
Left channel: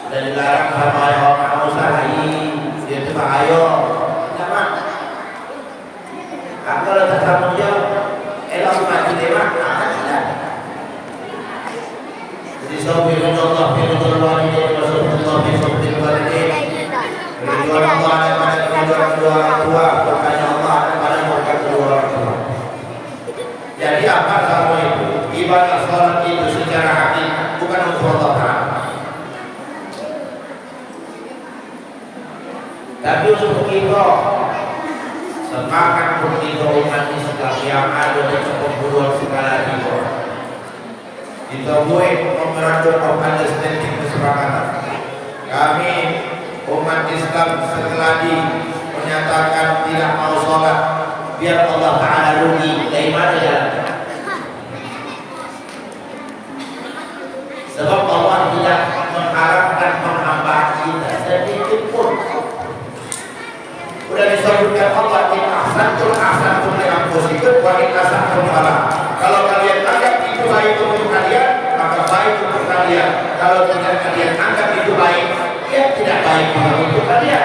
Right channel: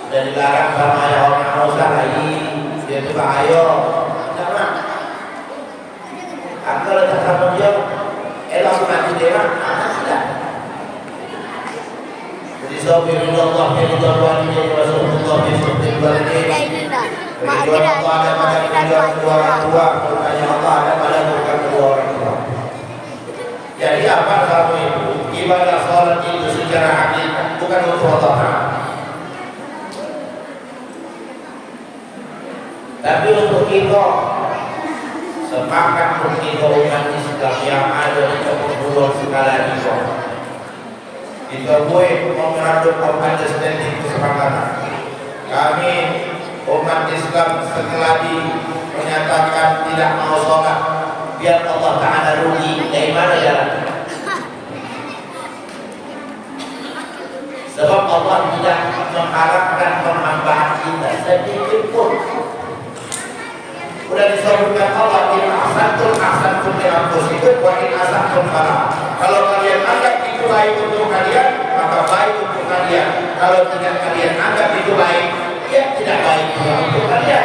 Dan dilarang sama ayah orang mau salahi, dia tu ayo, kenapa? Aku letak sama dia, elok mati dewa, tidak. Jadi sabirin Allah, biridullah ini, Rasulullah, bisubtil baladin. Ridwan Allah ada pada kedua orang tua, bukannya Allah ada pada bukan kedua orang tua. Jadi apa kamu itu? Ibadah sholat itu secara hakikat bukan untuk Allah, tapi untuk kita. Sepakat untuk kita umat Islam yang ada di perguruan segala itu. Kita boleh memperhatikan understanding kesepakatan. Kami umat Islam setelah menyatakan tidak mau sholat, biar Allah Ta'ala rugi. Dari mana jalan? Sebab Allah tidak mengharapkan penambahan kita sedikit pun. Sudah disebutkan Allah, in ahsantum li anfusikum wa in asatum falah. Kalau kalian anggap itu baik untuk kalian, maka baik untuk kalian. Kalau tidak kalian anggap itu baik, ya tidak baik untuk kalian.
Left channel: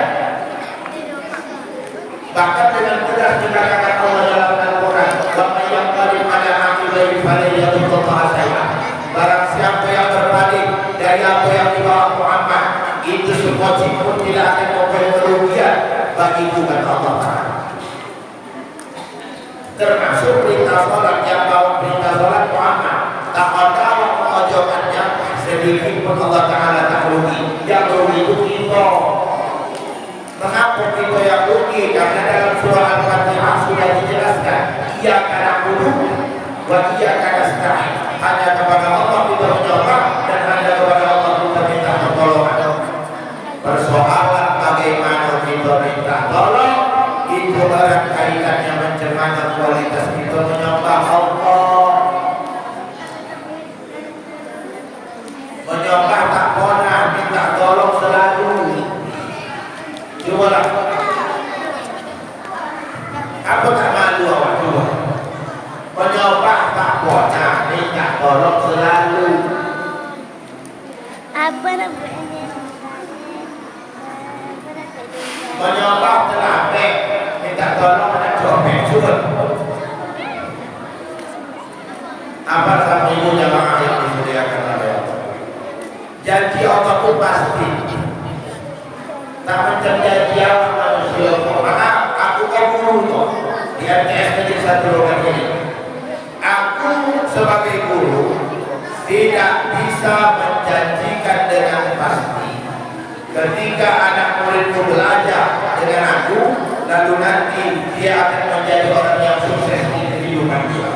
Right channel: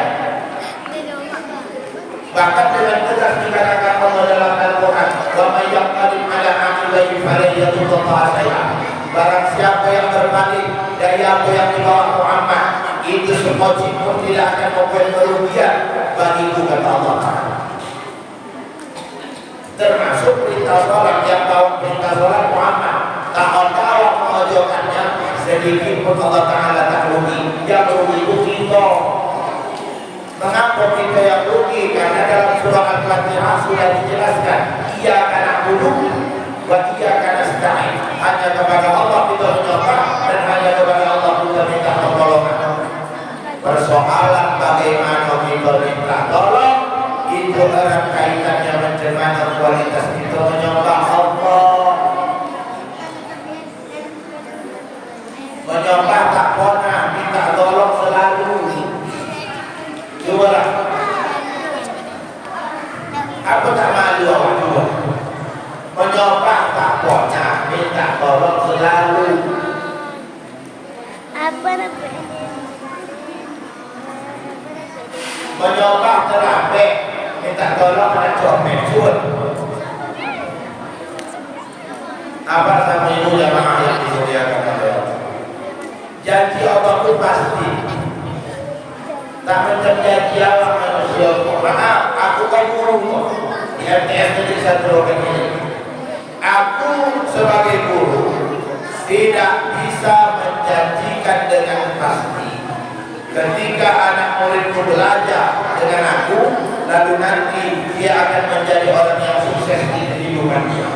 Bahkan dengan tegas dikatakan Allah dalam Al-Quran, wa may yaqalim ala aqibaihi falyadhurra syai'an. Barang siapa yang berpaling dari apa yang dibawa Muhammad, itu semua pun tidak akan membuat kerugian bagi Tuhan Allah. Termasuk perintah sholat, yang bawa perintah sholat Muhammad, tak ada mengajarkannya sedikit pun Allah Ta'ala tak rugi. Yang rugi itu kita. Mengapa kita yang rugi? Karena dalam surah Al-Fatihah sudah dijelaskan, iyyaka na'budu wa iyyaka nasta'in. Hanya kepada Allah kita menyembah dan hanya kepada Allah kita minta pertolongan. Persoalan bagaimana kita minta tolong, itu erat kaitannya macam mana kualitas kita menyembah Allah. Menyembah tak pernah, minta tolong selalu. Cobalah. Aku tak malu awak juga. Menyembah tak pernah, minta tolong selalu. Apa namanya? Menyembah terapek, minta tolong pada suami cuy. Apa sama ibu jamaah yang dimuliakan Allah. Janji Allah itu pasti. Tak macam janji Allah manusia. Maka aku kan guru kok di MTS Negeri 1 Logan ini. Aku sebagai guru tidak bisa menjanjikan dengan pasti ketika anak muridku belajar dengan aku, lalu nanti dia akan menjadi orang yang sukses di kehidupan dia.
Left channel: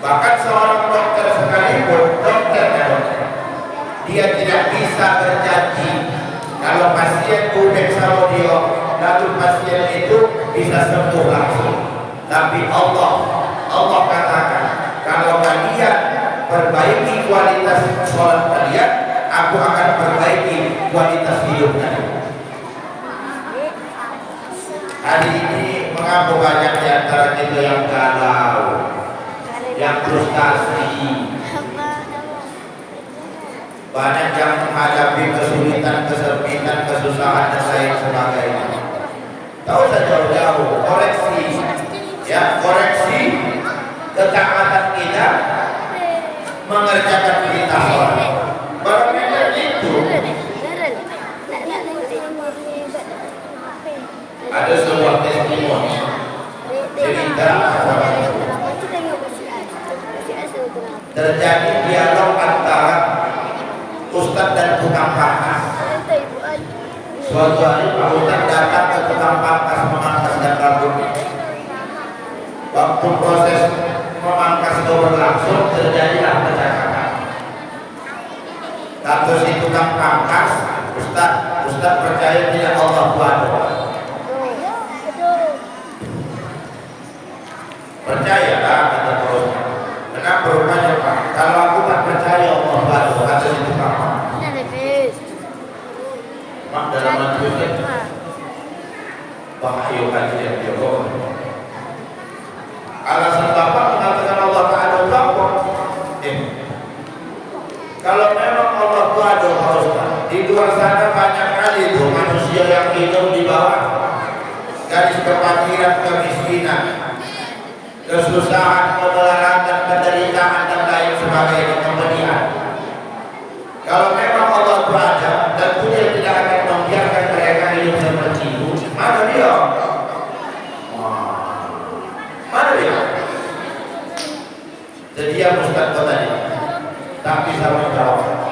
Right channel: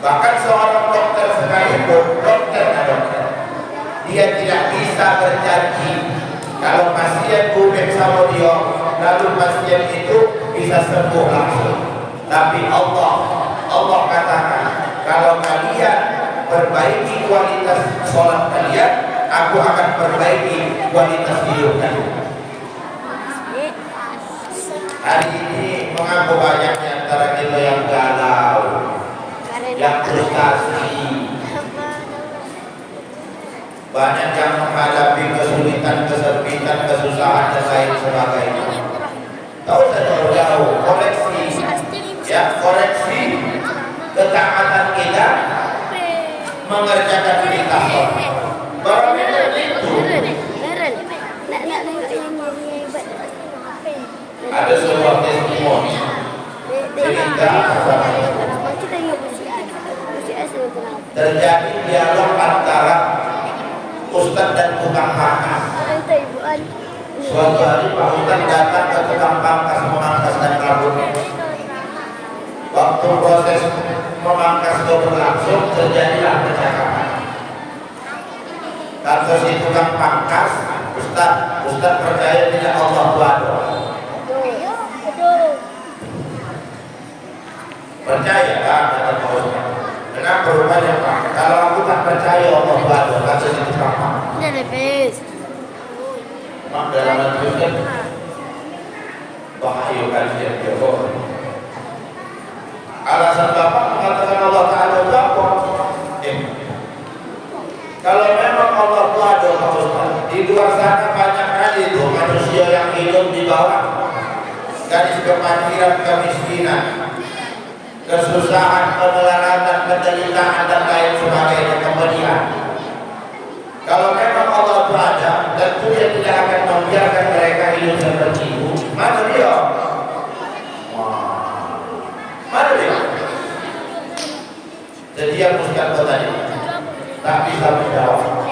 Bahkan seorang dokter sekalipun, dia tidak bisa berjanji kalau pasien dexamethasone lalu pasien itu bisa sembuh langsung. Tapi Allah katakan, kalau kalian perbaiki kualitas sholat kalian, aku akan perbaiki kualitas hidup kalian. Hari ini mengapa banyak di antara kita yang galau, yang frustasi, banyak yang menghadapi kesulitan, kesempitan, kesusahan dan lain sebagainya. Tahu saja jauh-jauh koreksi, ya koreksi ketaatan kita mengerjakan perintah Allah. Berbeda itu. Ada sebuah testimoni cerita terjadi dialog antara ustadz dan tukang pangkas. Suatu hari Pak Ustadz datang ke tukang pangkas memangkaskan rambutnya. Waktu proses memangkas itu berlangsung, terjadilah kecakapan. Kata si tukang pangkas, Ustadz percaya tidak Allah Tuhan? Percaya lah, kata Pak Ustadz. Kenapa rupanya Pak? Kalau aku tak percaya Allah Tuhan, kata si tukang pangkas. Mak dalam hati Ustadz, bahaya kajian Jokowi. Alasan Bapak mengatakan Allah Ta'ala Bapak, kalau memang Allah Ta'ala di luar sana banyak kali itu manusia yang hidup di bawah garis kefakiran, kemiskinan, kesusahan, kemelaratan, penderitaan dan lain sebagainya, kepedihan. Kalau memang Allah Ta'ala, tentu Dia tidak akan membiarkan mereka hidup seperti itu. Mana dia? Mana dia? Jadi yang Ustaz tadi tak bisa menjawab.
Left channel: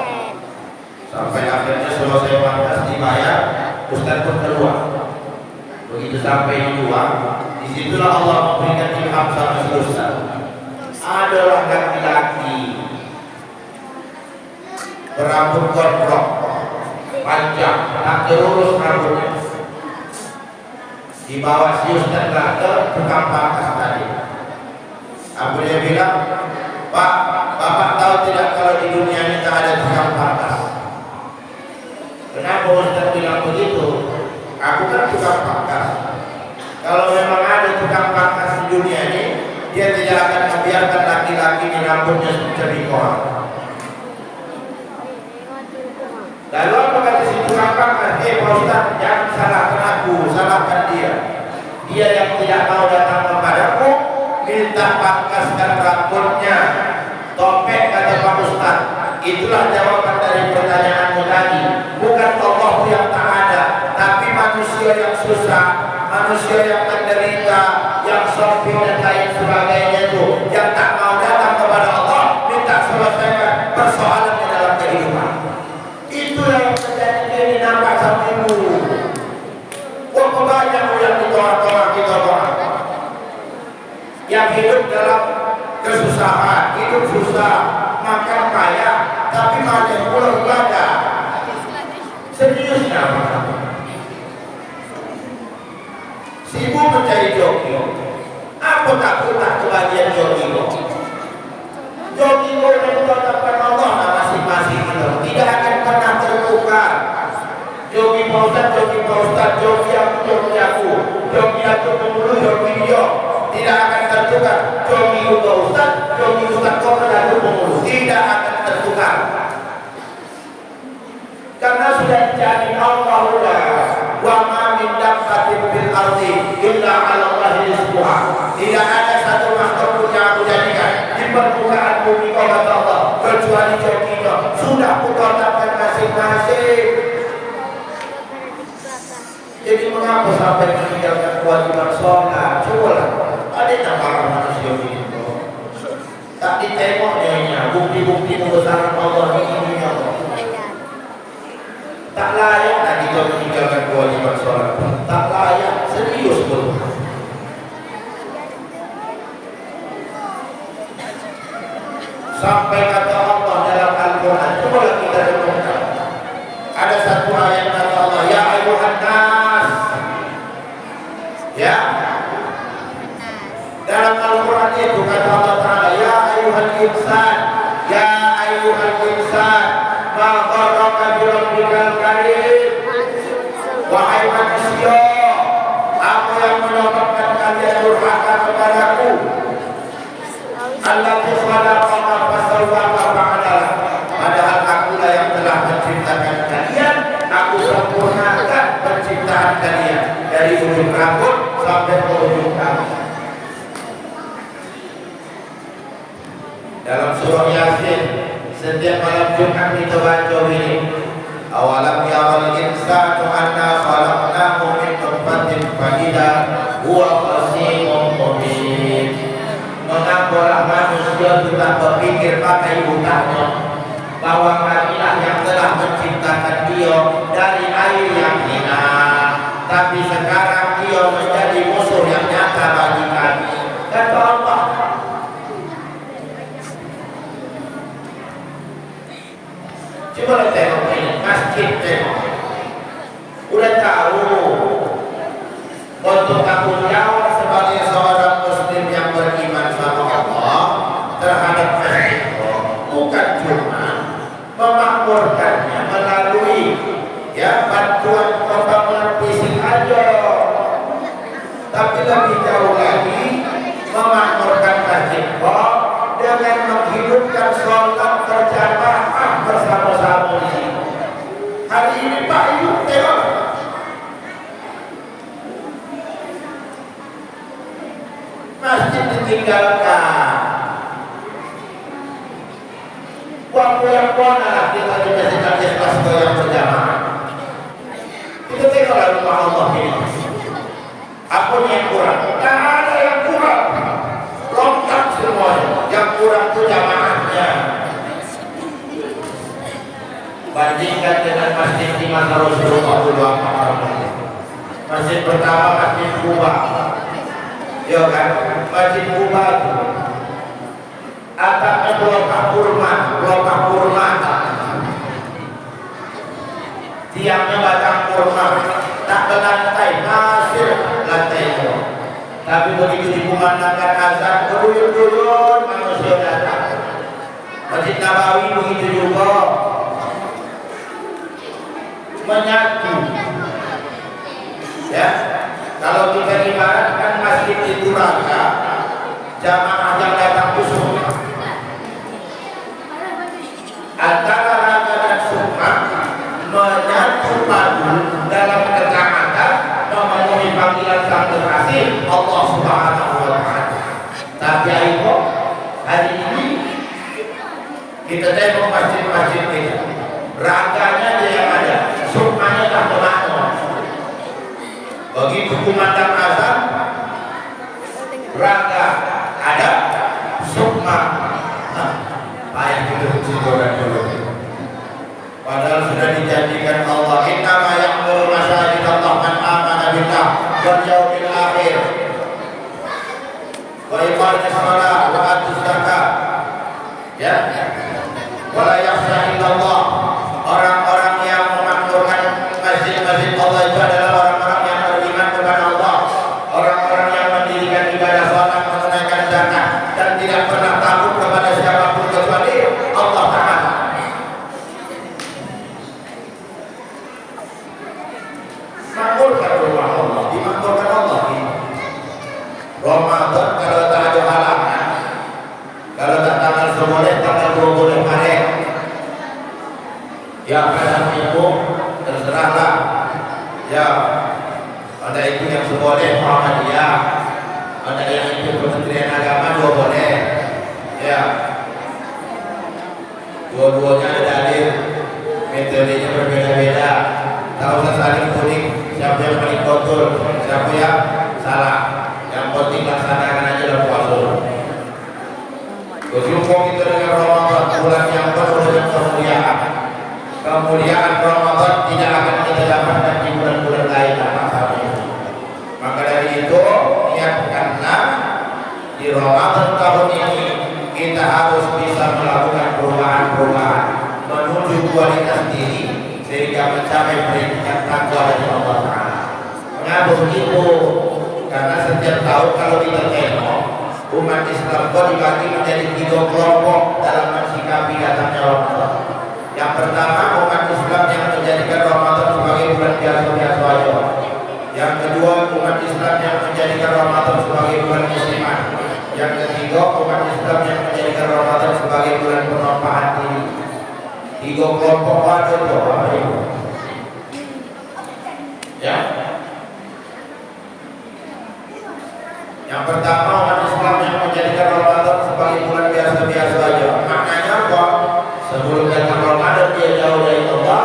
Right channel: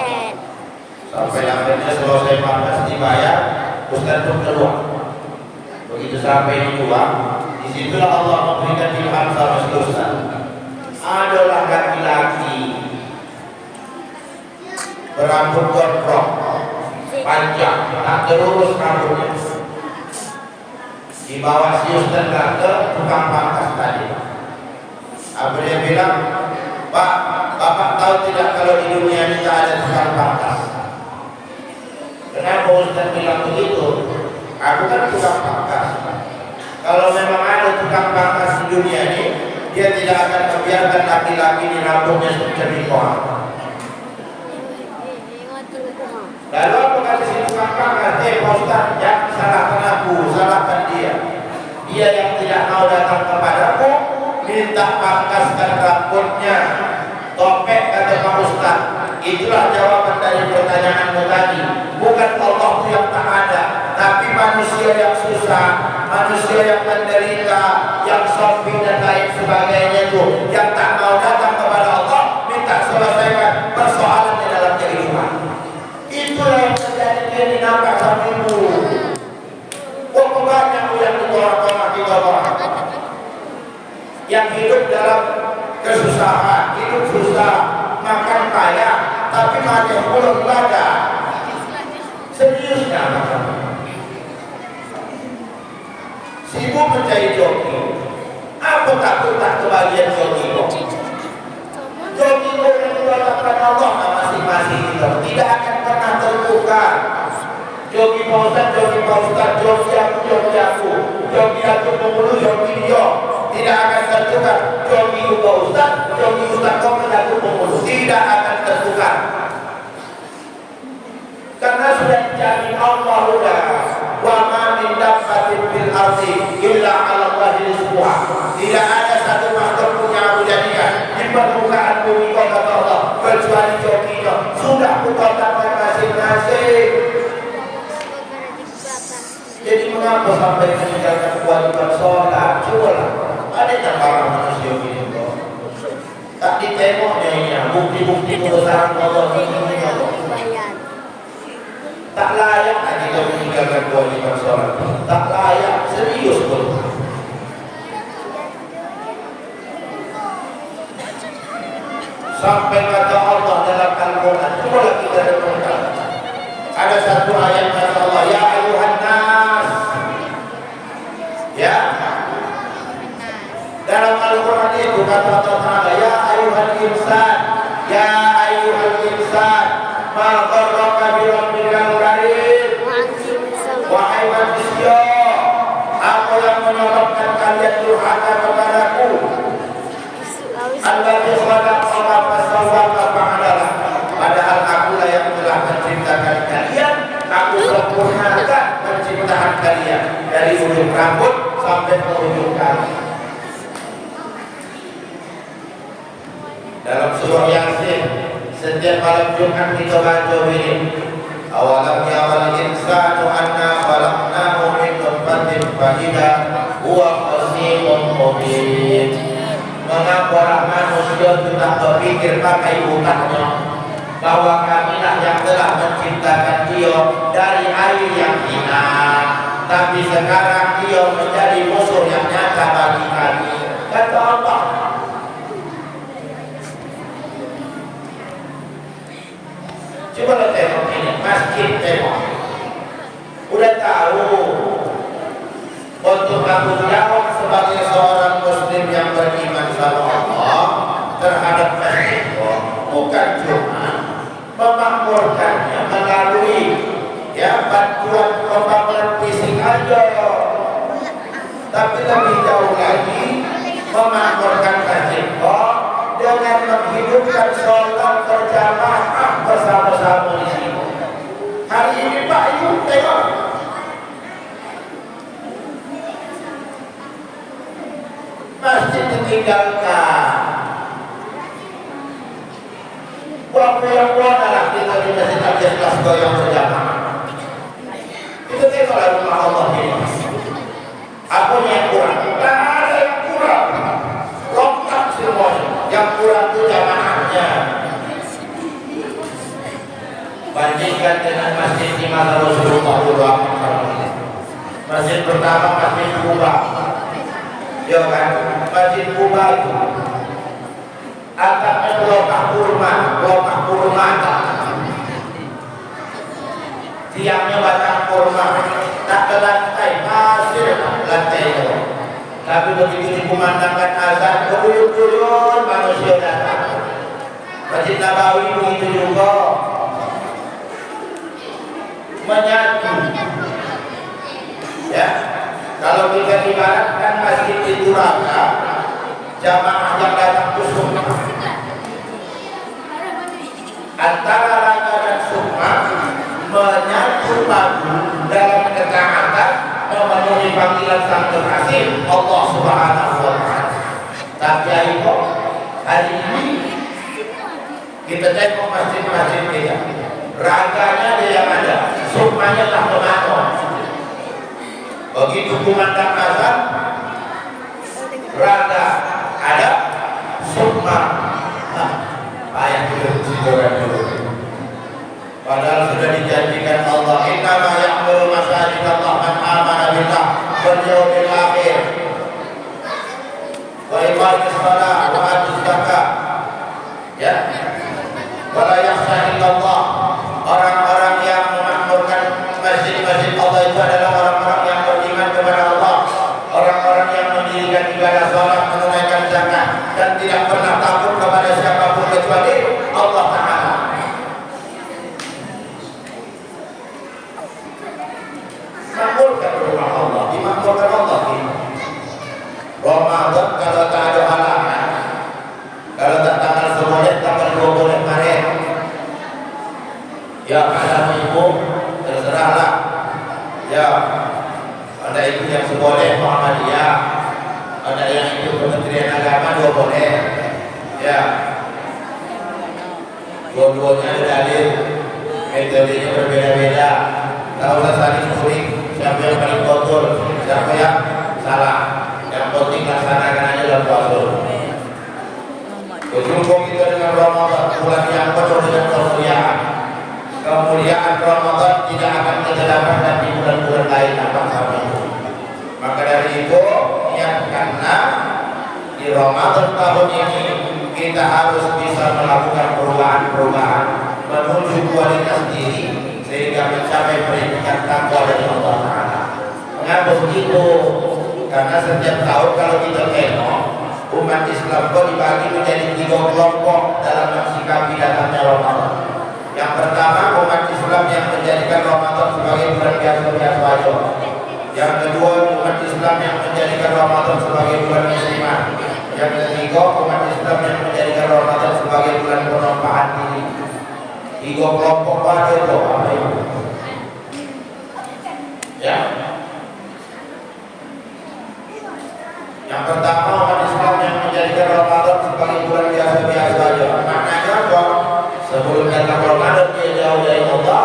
Sampai akhirnya selesai pangkas dibayar, Ustaz pun keluar. Begitu sampai di luar, disitulah Allah memberikan ilham sama si Ustaz. Adalah laki-laki berambut gondrong, panjang, tak terurus rambutnya. Dibawa si Ustaz ke tukang pangkas tadi. Abu dia bilang, Pak, Bapak tahu tidak kalau di dunia ini tak ada tukang pangkas? Kenapa Ustaz bilang begitu? Aku kan tukang pangkas. Kalau memang ada tukang pangkas di dunia ini, dia tidak akan membiarkan laki-laki ini rambutnya seperti koal. Lalu apa kata si tukang pangkas? Pak Ustaz, jangan salahkan aku, salahkan dia. Dia yang tidak mau datang kepadaku, minta pangkaskan rambutnya. Topek, kata Pak Ustaz. Itulah jawaban dari pertanyaanmu tadi. Bukan Allah itu yang tak ada, tapi manusia yang susah, manusia yang menderita, yang shopping dan lain sebagainya itu, yang tak mau datang kepada Allah, minta selesaikan persoalannya dalam kehidupan. Itulah yang terjadi kini nampak sama ibu. Berapa banyak yang ditolak-tolak kita orang yang hidup dalam kesusahan, hidup susah, makan kaya, tapi masih belum ibadah. Seriusnya si ibu mencari joki. Apa takut tak kebahagiaan joki? Joki itu yang ditolakkan Allah masing-masing itu tidak akan pernah tertukar. Joki Pak Ustaz, joki aku, joki aku pemuluh, joki dia tidak akan tertukar. Joki Pak Ustaz, joki Ustaz kau aku pemuluh tidak akan tertukar. Karena sudah dijamin Allah sudah, wa ma min dabbatin fil ardi illa 'ala Allahi rizquha. Tidak ada satu makhluk pun yang kecuali jokinya. Sudah utamakan masing-masing. Jadi mengapa sampai meninggalkan kewajiban sholat? Coba ada para manusia ini kok. Tak ditengoknya bukti-bukti kebesaran Allah ini kok. Tak layak nak kita meninggalkan kewajiban sholat. Tak layak, serius betul. Sampai kata Allah dalam Al-Quran, coba kita renungkan. Ada satu ayat kata Allah, ya ayuhan nas. Ya. Dalam Al-Quran itu kata Allah Ta'ala, ya ayuhan insan, ya ayuhan insan, ma gharraka bi rabbikal karim. Wahai manusia, apa yang menyebabkan kalian durhaka kepadaku? Alladzi khalaqaka fasawwaka fa'adala. Padahal akulah yang telah menciptakan kalian, aku sempurnakan penciptaan kalian dari ujung rambut sampai ke ujung kaki. Dalam surah Yasin, setiap malam Jumat kita baca ini, awalam yaral insanu anna khalaqnahu min nutfatin fa idza huwa khasimun mubin. Mengapa manusia tidak berpikir pakai otaknya bahwa kamilah yang telah menciptakan dia dari air yang hina, tapi sekarang dia menjadi musuh yang nyata bagi kami. Kata Allah. Coba tengok ini, masjid tengok. Udah tahu untuk tanggung jawab sebagai seorang muslim yang beriman sama Allah terhadap masjid itu bukan cuma memakmurkannya melalui bantuan pembangunan fisik aja, tapi lebih jauh lagi memakmurkan masjid dengan menghidupkan sholat berjamaah bersama-sama di sini. Hari ini Pak Ibu tengok, masjid ditinggalkan. Waktu yang adalah kita juga sedang kelas yang berjamaah. Itu tengoklah rumah Allah ini. Apa yang kurang? Tak ada yang kurang. Lengkap semuanya. Yang kurang itu jamaahnya. Bandingkan dengan masjid di masa Rasulullah SAW. Masjid pertama Masjid Kuba. Ya kan? Masjid Kuba itu atapnya pelopah kurma. Tiangnya batang kurma. Tak berlantai, masih lantai itu. Tapi begitu dikumandangkan azan, beruyun-uyun manusia datang. Masjid Nabawi begitu juga, menyatu. Ya, kalau kita ibaratkan masjid itu raka, jamaah yang datang ke Sukma. Antara raka dan Sukma menyatu padu dalam ketaatan memenuhi panggilan Sang Kekasih Allah Subhanahu wa Ta'ala. Tapi ayo hari ini kita tengok masjid-masjid kita, raganya dia yang ada, Sukmanya tak kemana. Begitu kumandang azan, raga ada, Sukma ayat itu dulu. Padahal sudah dijanjikan Allah, innama ya'muru masajid Allah man amana billah wal yaumil akhir wa iqamis shalah wa atuz zakat. Ya. Wala yakhsha illallah. Orang-orang yang memakmurkan masjid-masjid Allah itu adalah orang-orang yang beriman kepada Allah, orang-orang yang mendirikan ibadah salat, menunaikan zakat dan tidak pernah takut kepada siapapun kecuali Allah Ta'ala. Makmurkan rumah Allah, dimakmurkan Allah ini. Ramadan kalau tak ada halangan, kalau tak tanggal 11, tanggal 20 Maret, ya kalau itu terserahlah. Ya, ada itu yang seboleh Muhammadiyah, ada yang itu Kementerian Agama 2 boleh. Ya, Dua-duanya ada dalil, metodenya berbeda-beda. Tak usah saling tuding siapa yang paling betul, siapa yang salah. Yang penting laksanakan aja dalam puasa. Berjumpa kita dengan Ramadan, bulan yang penuh dengan kemuliaan. Kemuliaan Ramadan tidak akan kita dapatkan di bulan-bulan lain apa sampai. Maka dari itu niatkanlah di Ramadan tahun ini kita harus bisa melakukan perubahan-perubahan menuju kualitas diri sehingga mencapai predikat takwa dari Allah Taala. Mengapa begitu? Karena setiap tahun kalau kita tengok umat Islam dibagi menjadi 3 kelompok dalam mensikapi datangnya Ramadan. Yang pertama, umat Islam yang menjadikan Ramadan sebagai bulan biasa-biasa saja. Yang kedua, umat Islam yang menjadikan Ramadan sebagai bulan musliman. Yang ketiga, umat Islam yang menjadikan Ramadan sebagai bulan penumpahan diri. 3 kelompok ada itu apa itu? Ya. Yang pertama, umat Islam yang menjadikan Ramadan sebagai bulan biasa-biasa saja. Maknanya apa? Sebelum datang Ramadan dia jauh dari Allah.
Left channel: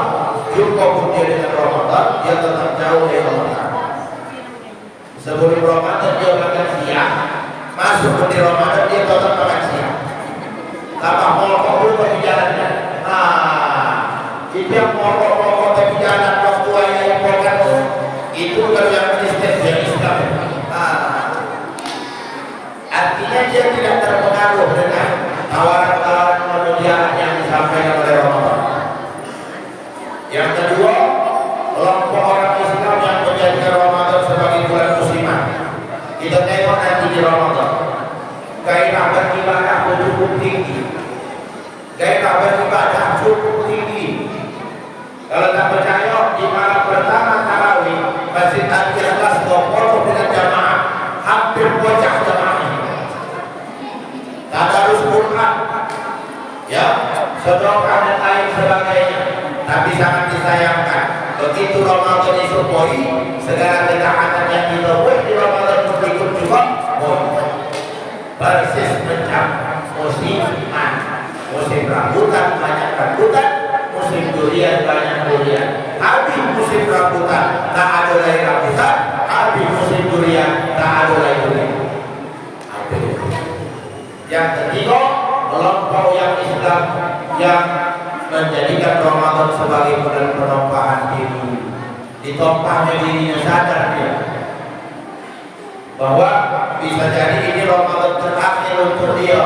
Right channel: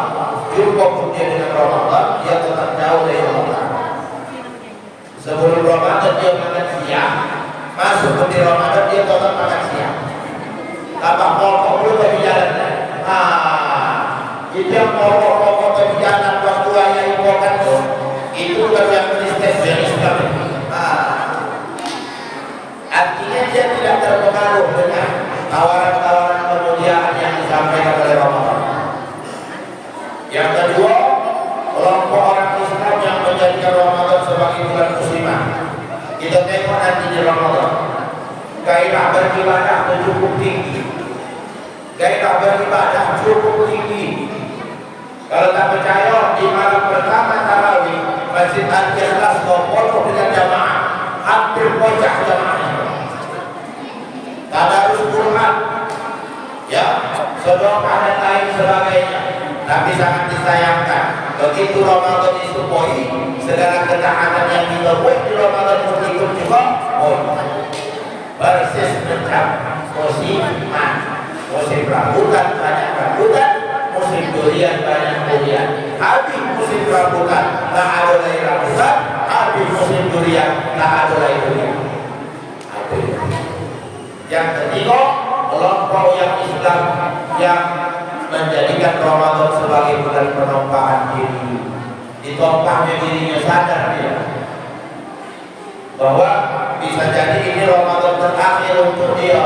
Jumpa pun dia dengan Ramadan, dia tetap jauh dari Allah. Sebelum Ramadan dia makan siang, masuk di Ramadan dia tetap makan siang. Tambah pokok dulu tapi jalannya. Itu yang pokok-pokok tapi jalan waktu ayah yang pokok itu bukan yang Kristen, yang Islam. Artinya dia tidak terpengaruh dengan tawaran-tawaran kemuliaan yang disampaikan oleh Ramadan. Yang kedua, kelompok orang Islam yang menjadikan Ramadan sebagai bulan musliman. Kita tengok nanti di Ramadan, gairah beribadah cukup tinggi. Gairah beribadah cukup tinggi. Kalau tak percaya, di malam pertama tarawih Masjid Al-Ikhlas berfoto dengan jamaah, hampir pojok jamaah. Tadarus Quran, ya, sedekah dan lain sebagainya. Tapi sangat disayangkan, begitu Ramadan disupoi, segala ketaatan yang kita buat di Ramadan ikut juga persis macam musiman. Musim rambutan banyak rambutan, musim durian banyak durian. Habis musim rambutan, tak ada lagi rambutan. Habis musim durian, tak ada lagi durian. Yang ketiga, kelompok yang Islam yang menjadikan Ramadan sebagai bulan penumpahan diri. Ditumpahnya dirinya, sadar dia bahwa bisa jadi ini Ramadan terakhir untuk dia.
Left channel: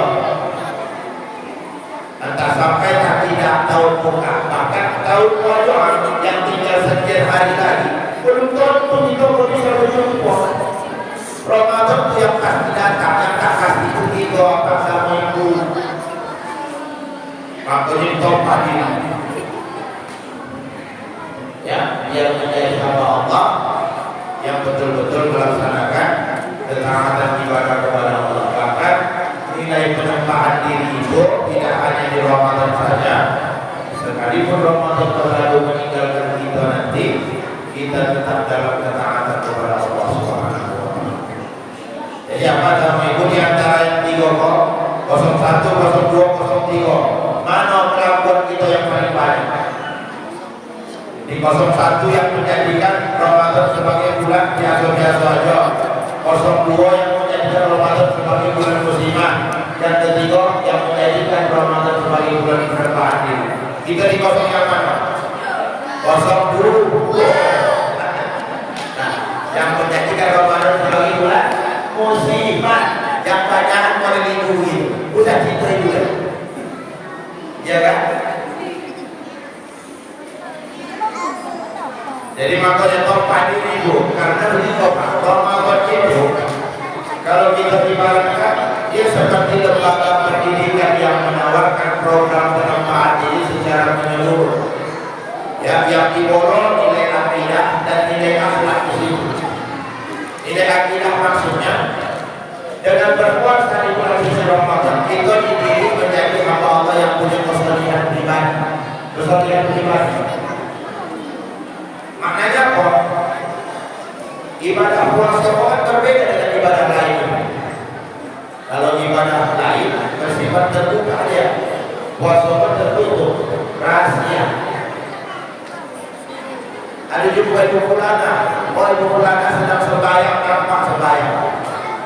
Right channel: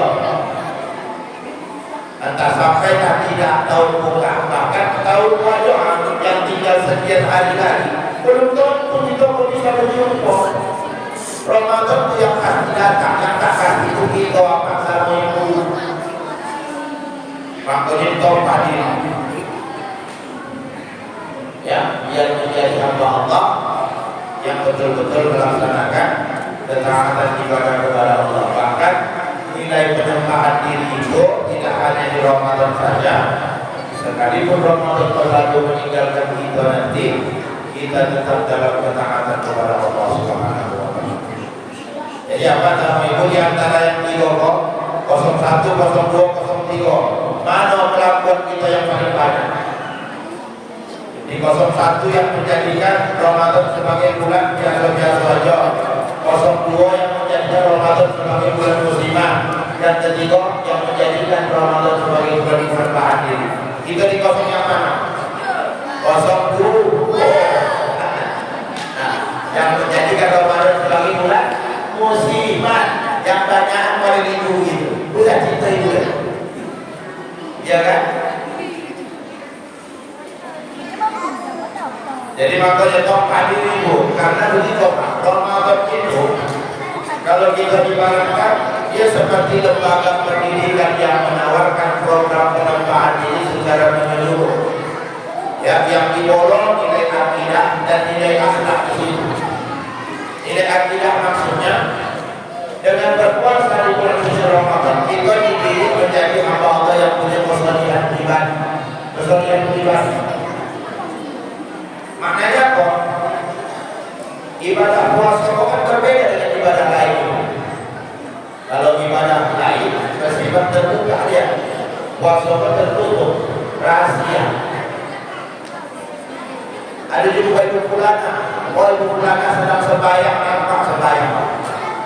Entah sampai tak tidak tahu buka, bahkan tahu wajah yang tinggal sekian hari lagi belum tentu kita bisa berjumpa. Ramadan itu yang pasti datang, yang tak pasti itu kita apa sama itu. Makanya ditompah diri, ya, biar menjadi hamba Allah yang betul-betul melaksanakan ketaatan ibadah kepada Allah. Bahkan nilai penyembahan diri itu tidak hanya di Ramadan saja. Sekalipun Ramadan berlalu meninggalkan kita nanti, kita tetap dalam ketaatan kepada Allah Subhanahu wa Ta'ala. Jadi apa nama itu di antara yang 3 kok 01, 02, 03, mana kelakuan kita yang paling banyak? Di 01 yang menjadikan Ramadan sebagai bulan biasa-biasa saja. 02 yang menjadikan Ramadan sebagai bulan muslimah. Yang ketiga yang menjadikan Ramadan sebagai bulan penumpahan diri. Kita di kosong yang mana? 02. Nah, yang menjadikan Ramadan sebagai bulan muslimah, yang banyakan melindungi itu. Udah cinta itu ya? Iya kan? Jadi makanya tompah diri itu, karena begitu Pak, Ramadan itu kalau kita ibaratkan dia seperti lembaga pendidikan yang menawarkan program penumpahan diri secara menyeluruh. Ya, yang diborong nilai akidah dan nilai akhlak di situ. Nilai akidah maksudnya dengan berpuasa di bulan suci Ramadan kita dididik menjadi hamba Allah yang punya kesalihan pribadi. Kesalihan pribadi. Maknanya apa? Ibadah puasa kan berbeda dengan ibadah lain. Kalau ibadah lain bersifat terbuka ya. puasa tertutup, rahasia. Ada juga ibu pulana, ibu pulana sedang sembahyang nampak sembahyang,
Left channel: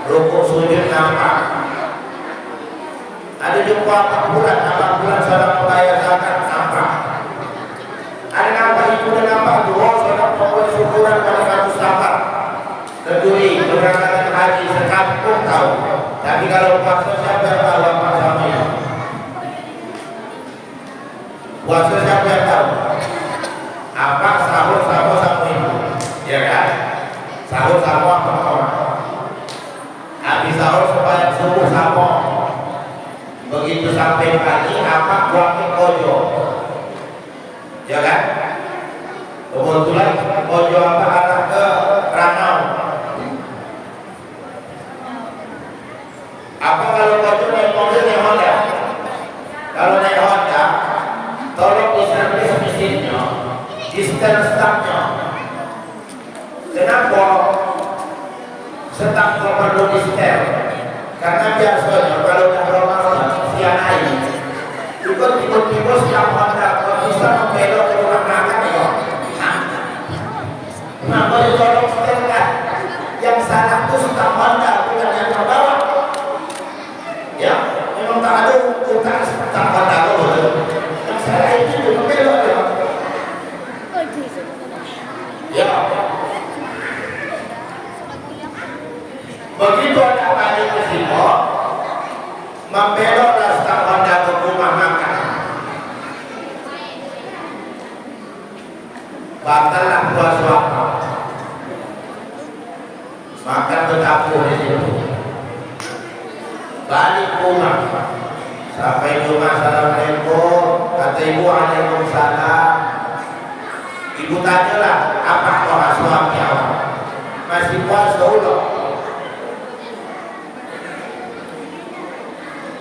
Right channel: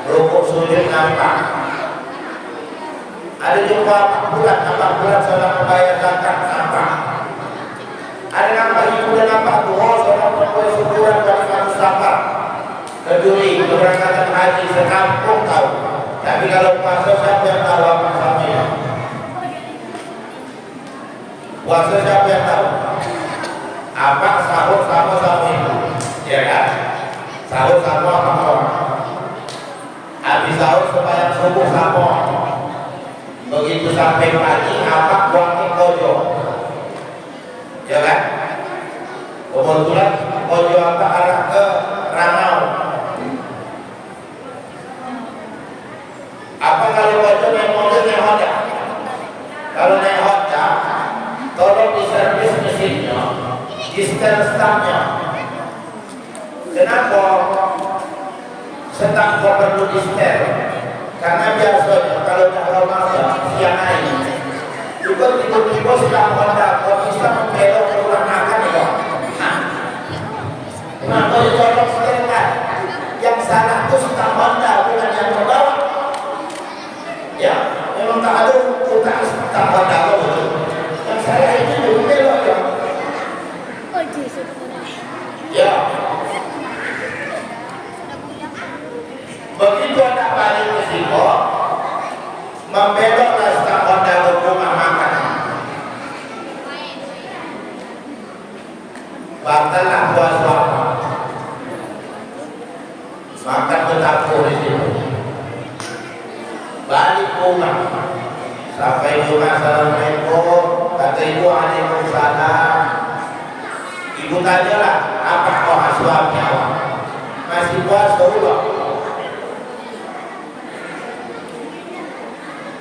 rukuk sujud nampak. Ada juga 4 bulan sedang membayar zakat nampak. Ada nampak ibu dan nampak dua sedang membayar syukuran pada Mustafa. Keduri keberangkatan haji sekampung tahu. Tapi kalau puasa siapa yang tahu apa samanya? Puasa siapa yang tahu? Apa sahur sama ibu? Ya kan? Sahur sama apa orang? Habis sahur supaya subuh sama. Begitu sampai pagi apa buangnya kojo? Ya kan? Kebetulan kojo apa arah ke Ranau. Apa kalau kojo yang mobilnya Honda? Kalau naik Honda, tolong diservis mesinnya, di stang-stangnya. Kenapa stang kok perlu di setel? Karena biasanya kalau udah bermasalah siang hari, juga tiba-tiba stang Honda kok bisa membelok ke rumah makan ya? Kenapa tolong setelkan? Yang salah itu stang Honda, bukan yang membawa. Ya, memang tak ada utang stang Honda kok betul. Yang salah itu belok ya. Ya. Begitu anak balik ke sini, membeloklah stang Honda ke rumah makan. Batallah puasa. Makan berdapur di situ. Balik rumah. Sampai rumah, assalamualaikum. Kata ibu, waalaikumsalam. Ibu tanyalah, apa kau suami awak? Masih puasa ulang.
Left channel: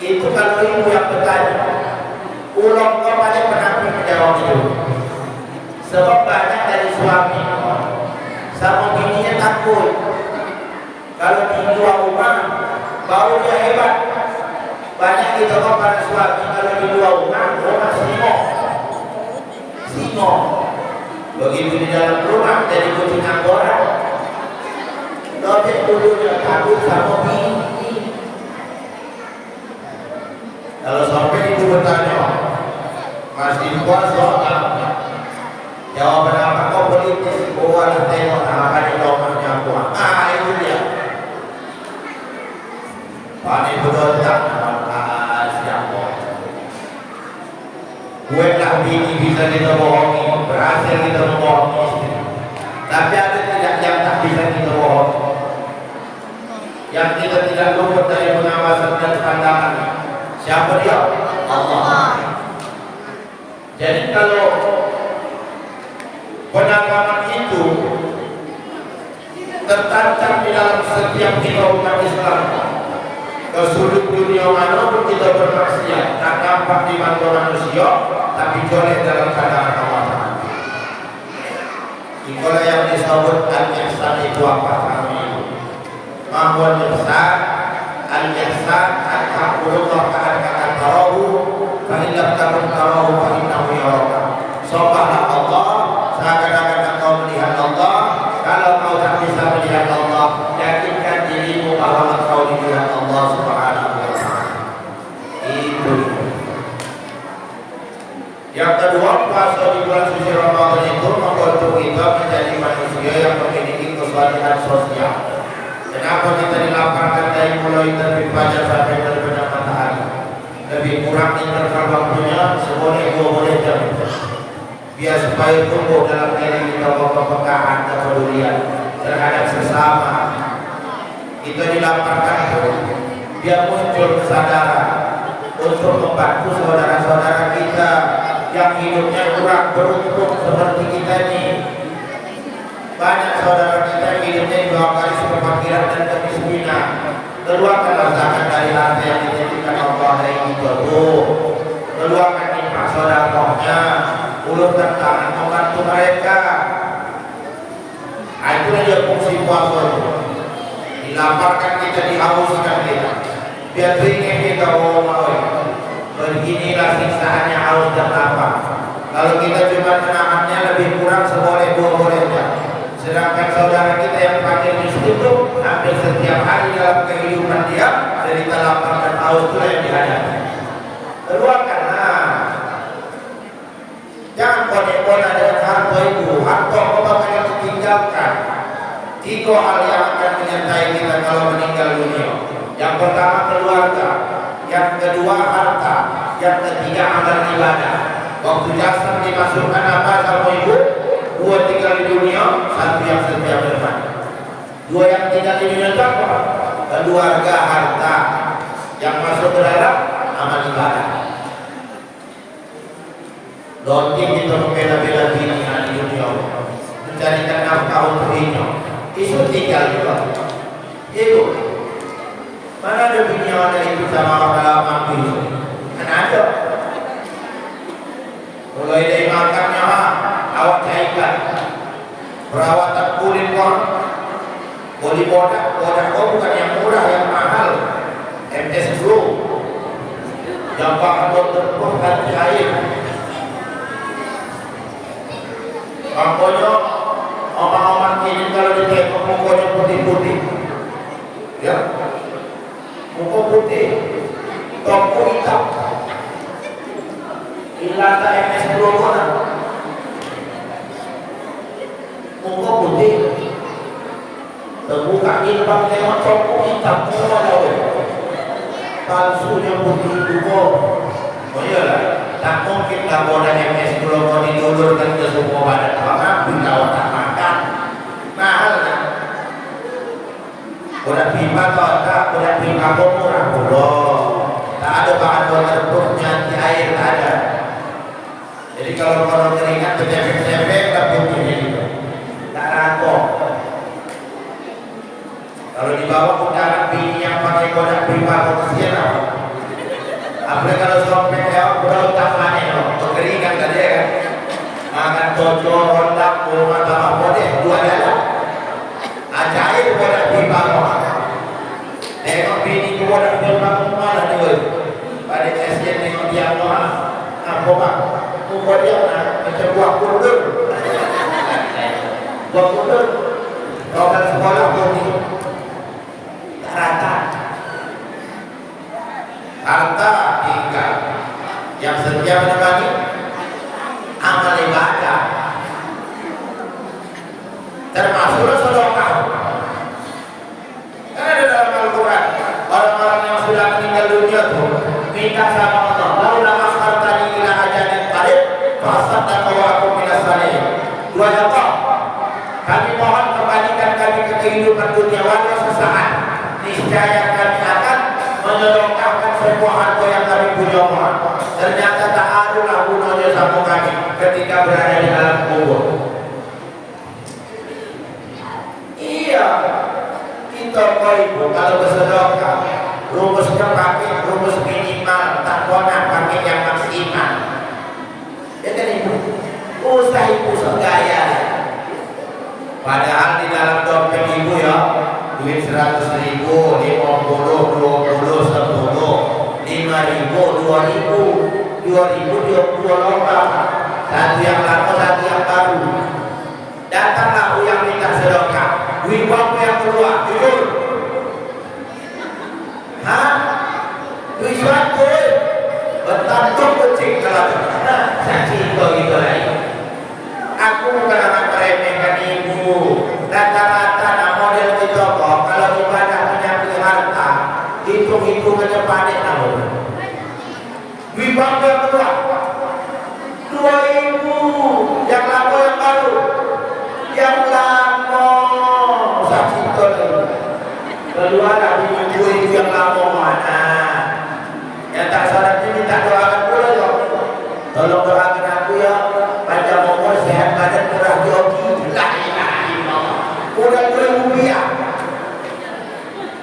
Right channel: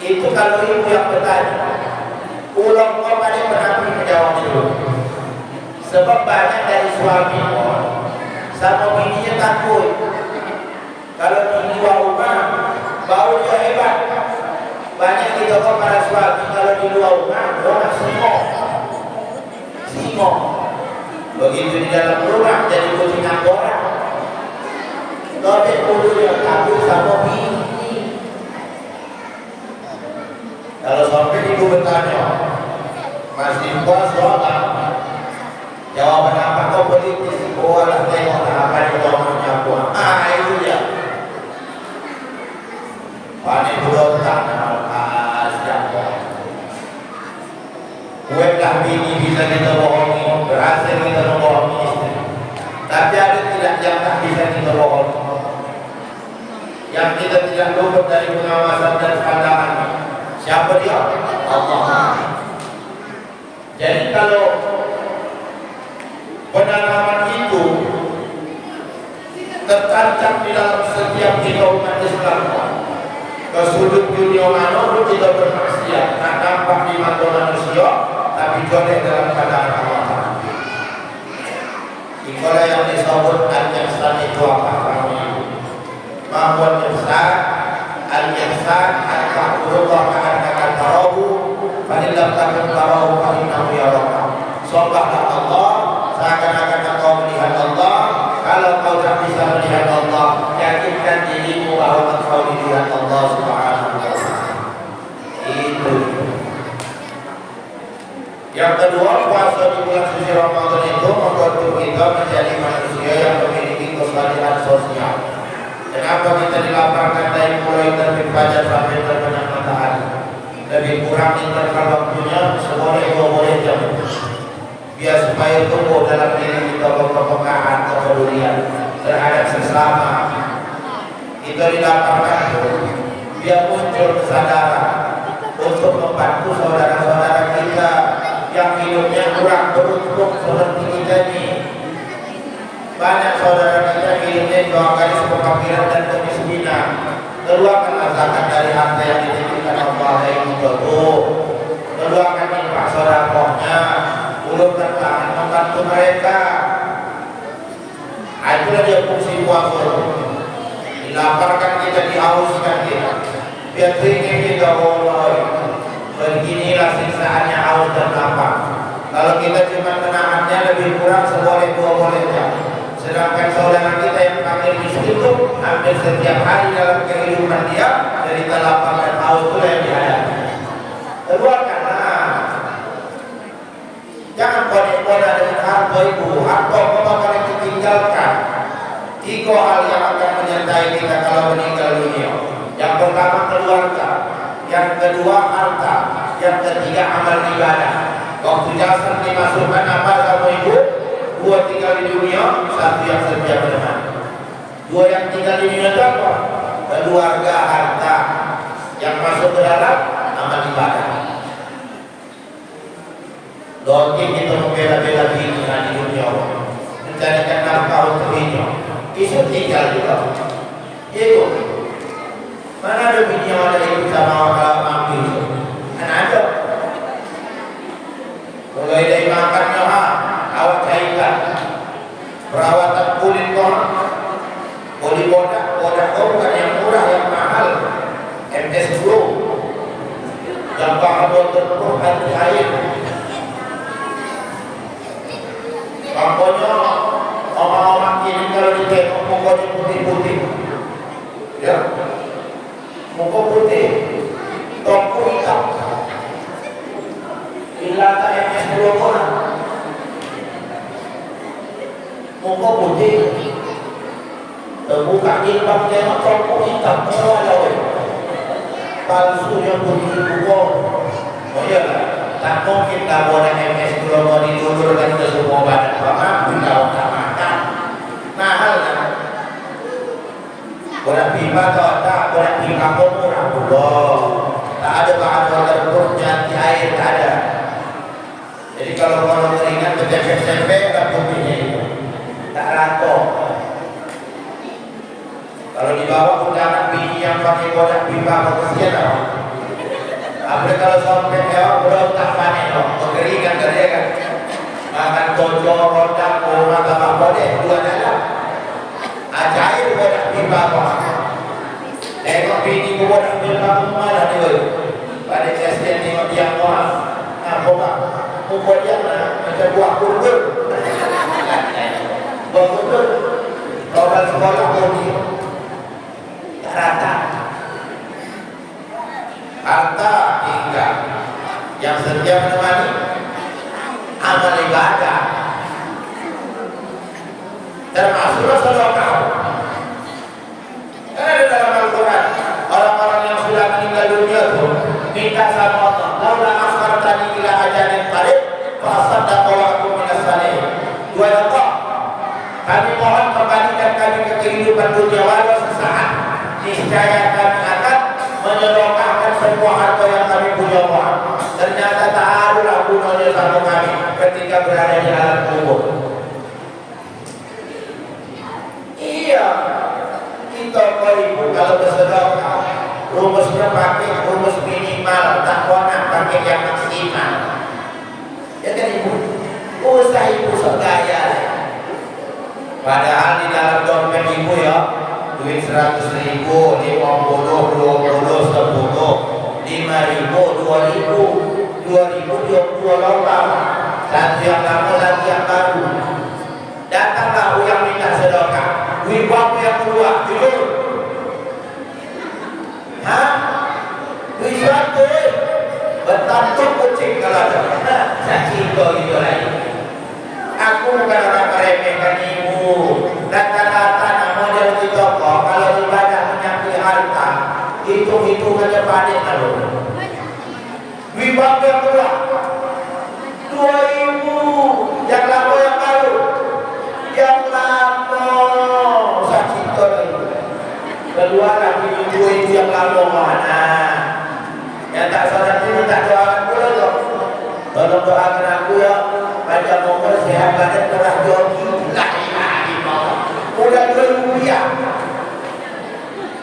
Itu kalau ibu yang bertanya, ulang kepada penampil menjawab itu. Sebab banyak dari suami sama bininya takut. Kalau di luar rumah, baru dia hebat. Banyak kita kepada suami kalau di luar rumah, orang singo. Begitu di dalam rumah jadi kucing angkora. Dobek dulu yang takut sama bini. Kalau sampai ibu bertanya, masih puasa apa? Jawaban apa kau politis? Oh alah tengok akan di rumahnya puan. Itu dia. Panik berontak siapa? Buatlah bini bisa kita bohongi, berhasil kita membohongi istri. Tapi ada tidak yang tak bisa kita bohongi, yang kita tidak luput dari pengawasan dan pandangan. Siapa dia? Allah. Jadi kalau penanaman itu tertancap di dalam setiap kita umat Islam, ke sudut dunia manapun kita bermaksiat, tak nampak di mata manusia, tapi joleh dalam pandangan Allah. Itulah yang disebut al-ihsan itu apa kami? Mahwan ihsan, al-ihsan al-kahurullah ka'adhaka tarahu, fa'illam takun tarahu fa'innahu yaraka. Sobahlah Allah, seakan-akan engkau melihat Allah. Kalau kau tak bisa melihat Allah, yakinkan dirimu bahwa engkau dilihat Allah Subhanahu wa ta'ala. Itu. Yang kedua, puasa di bulan suci Ramadan itu membantu kita menjadi manusia yang memiliki kesalahan sosial. Kenapa kita dilaporkan dari mulai terbit fajar sampai terbenam matahari? Lebih kurang interval waktunya seboleh 2 jam. Biar supaya tumbuh dalam diri kita kepekaan, kepedulian terhadap sesama. Kita dilaporkan biar muncul kesadaran untuk membantu saudara-saudara kita yang hidupnya kurang beruntung seperti kita ini. Banyak saudara kita hidupnya 2 kali kefakiran dan kemiskinan. Keluarkanlah zakat dari harta yang dititipkan Allah yang betul. Keluarkan infak sedekahnya, ulurkan tangan membantu mereka. Itulah dia fungsi puasa. Dilaparkan kita, dihauskan kita, biar ringan kita. Beginilah siksa kita cuma menahannya lebih kurang seboleh dua boleh jam. Sedangkan saudara kita yang fakir miskin itu hampir setiap hari dalam kehidupan dia dari lapar dan haus itu yang dihadapi. Keluarkanlah. Jangan konek-konek dengan harta itu. Harta kau bakal ditinggalkan. 3 hal yang akan menyertai kita kalau meninggal dunia. Yang pertama keluarga, yang kedua harta, yang ketiga amal ibadah. Waktu jasad dimasukkan apa sama ibu? 2 tinggal di dunia, 1 yang setia beriman. 2 yang tinggal di dunia apa? Keluarga, harta. Yang masuk ke dalam amal ibadah. Donti kita membela-bela bini di dunia, mencarikan nafkah untuk bini. Isu tinggal juga. Ibu, mana ada bini yang ada itu sama kalau mampu itu? Kan ada. Mulai dari makannya, awak cairkan, perawatan kulit kau, body bodak kau bukan yang murah, yang mahal. MS Glow, yang bahan waterproof anti air. Makanya orang-orang kini kalau ditengok mukanya putih-putih, ya, muka putih, tongku hitam, ilata MS Glow mana? Muka putih, terbuka jilbab tengok tongku hitam, semua lawan. Palsunya putih buko. Oh iyalah, tak mungkin tak boleh MS Glow mau didulurkan ke semua badan. Mampu kalau tak makan, mahal kan? Bodak pipa atau tak, bodak pipa kok murah belum. Tak ada bahan waterproofnya, anti air tak ada. Jadi kalau keringat bercempek-cempek, tak putihnya itu, tak ratok. Kalau di bawah undangan bini yang pakai bodak pipa kok kesian apa? Apalagi kalau sompet ya, berontak panen loh, kekeringan kan dia kan? Makan tojo, rondak, koma, tambah bodeh, 2 dalam. Ajaib bodak pipa kok. Tengok bini ke bodak pipa kok malah dia. Pada kesian tengok dia malah. Apa mak? Muka dia macam buah kundur. Buah kundur. Kalau orang sekolah kau ni rata. Harta tinggal. Yang setia menemani amal ibadah. Termasuklah sedekah. Karena di dalam Al-Quran orang-orang yang sudah meninggal dunia itu minta sama Allah, "Laula akhartani ila ajalin qarib fasaddaqu wa akum minas salihin." Dua Allah, kami mohon kembalikan kami ke kehidupan dunia walau sesaat. Niscaya kami akan menyedekahkan semua harta yang kami punya. Ternyata ta'arul gunanya sama kami ketika berada di alam kubur. Iya, kita ibu kalau bersedekah rumusnya pakai rumus minimal, tak nak pakai yang maksimal. Ya kan ibu, usah ibu segaya. Padahal di dalam dompet ibu ya, duit 100.000, 50, 20, 10, 5.000, 2.000, 2.000 lomba. Satu yang lama, satu yang baru. Datanglah yang minta sedekah. Duit berapa yang keluar? Jujur. Hah? Duit berapa? Bertantung kucing kalau saksi itu gitu lagi. Aku bukan akan meremehkan ibu. Rata-rata model di toko kalau ibadah menyangkut harta, hitung-hitung aja panik kalau. Duit berapa yang keluar? 2.000. Yang lama yang baru? Yang lama. Saksi itu keluar lagi duit yang lama mana? Yang tak salat ini tak doakan pula dong. Tolong doakan aku ya, panjang umur, sehat badan, murah joki. La ilaha illallah. Udah 2.000 rupiah.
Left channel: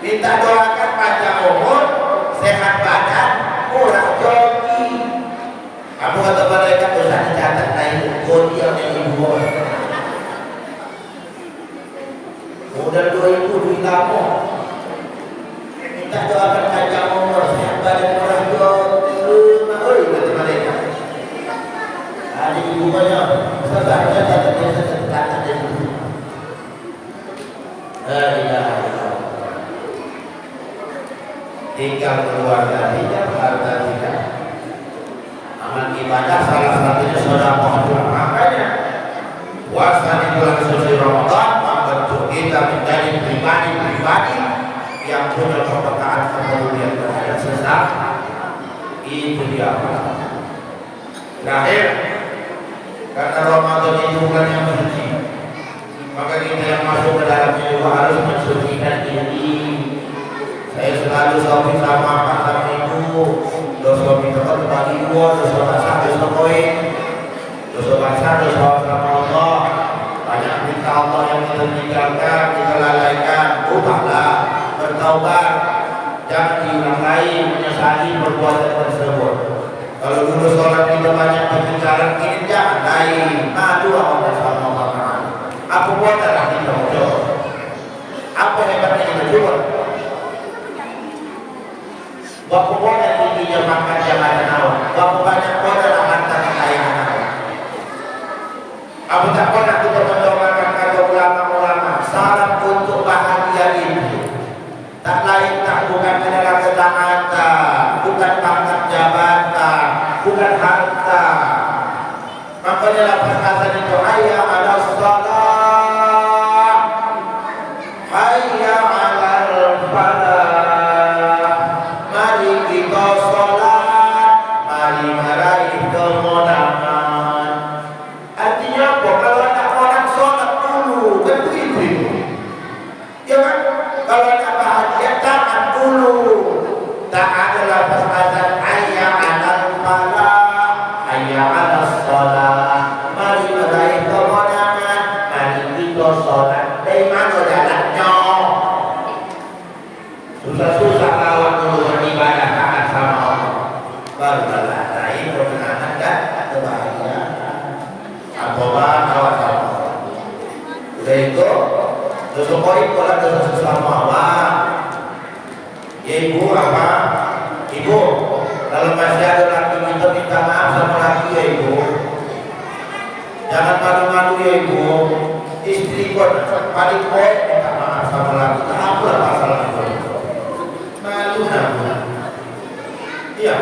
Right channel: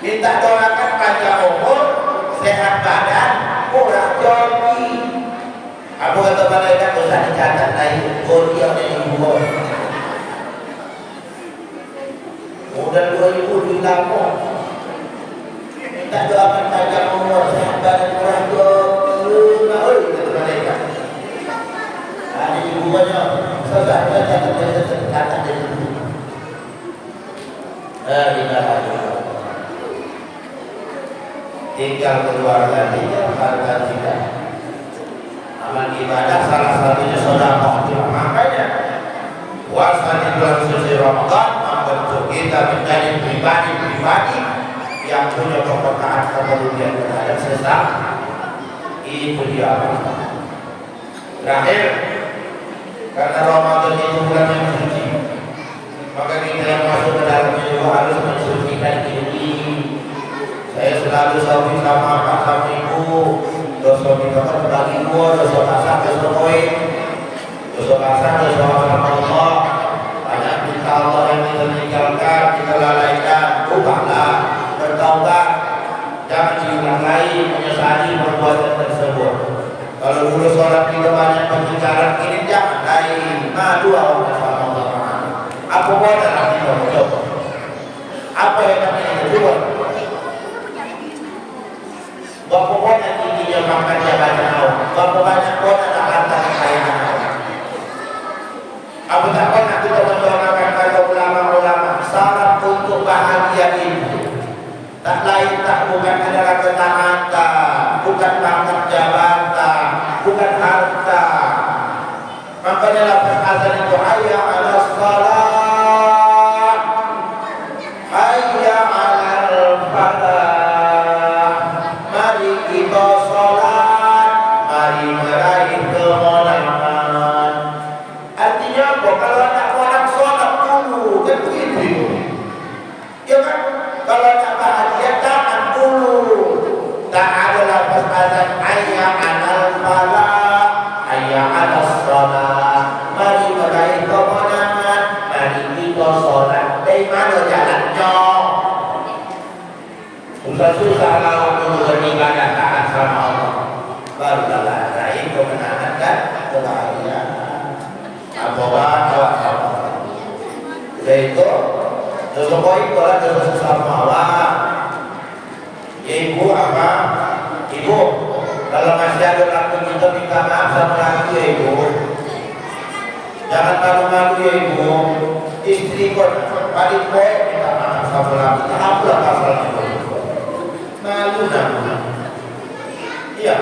Minta doakan panjang umur, sehat badan, murah joki. Aku kata malaikat usah dicatat lain, dia yang ibu. Udah 2.000 duit lama. Minta doakan panjang umur, tinggal keluarga tidak harta tidak. Amal ibadah salah satunya sedekah. Makanya puasa di bulan suci Ramadan membentuk kita menjadi pribadi-pribadi yang punya kepekaan kepedulian terhadap sesama. Itu dia. Terakhir, karena Ramadan itu bulan yang suci, maka kita yang masuk ke dalamnya juga harus mensucikan diri. Saya selalu sawi sama pak sama ibu, dosa minta terbagi gua, dosa basah, dosa koin, dosa basah, dosa sama Allah. Banyak minta Allah yang kita tinggalkan, kita lalaikan, ubahlah, bertaubat, jangan diulang lagi menyesali perbuatan tersebut. Kalau dulu sholat kita banyak pembicaraan, ini jangan lagi madu Allah sama Allah. Apa buatan kita mencoba? Apa hebatnya kita coba? Berapa banyak tingginya pangkat jabatan awak, berapa banyak banyak harta kekayaan awak. Apa tak pernah kita mendoakan kata ulama-ulama syarat untuk bahagia itu tak lain tak bukan adalah ketaatan, bukan pangkat jabatan, bukan harta. Makanya lafaz azan itu hayya 'alas shalah, hayya 'alal falah. Mari kita sholat, mari meraih kemenangan. Artinya apa? Kalau anak orang sholat dulu, kan begitu. Ya kan? Kalau anak bahagia, tahan dulu. Tak ada lafaz azan hayya 'alal falah, hayya 'alas shalah. Mari meraih kemenangan, mari kita sholat. Dari mana jalannya? Susah-susah lawan dulu beribadah taat sama Allah, barulah raih kemenangan dan kebahagiaan. Apa-apa awak sama Allah. Udah itu, dosa poin kalau dosa sesama awak. Ya ibu apa? Ibu, kalau masih ada laki kita minta maaf sama laki ya ibu. Jangan malu-malu ya ibu. Istri pun paling poin minta maaf sama laki. Apalah masalah itu. Malu namanya. Iya.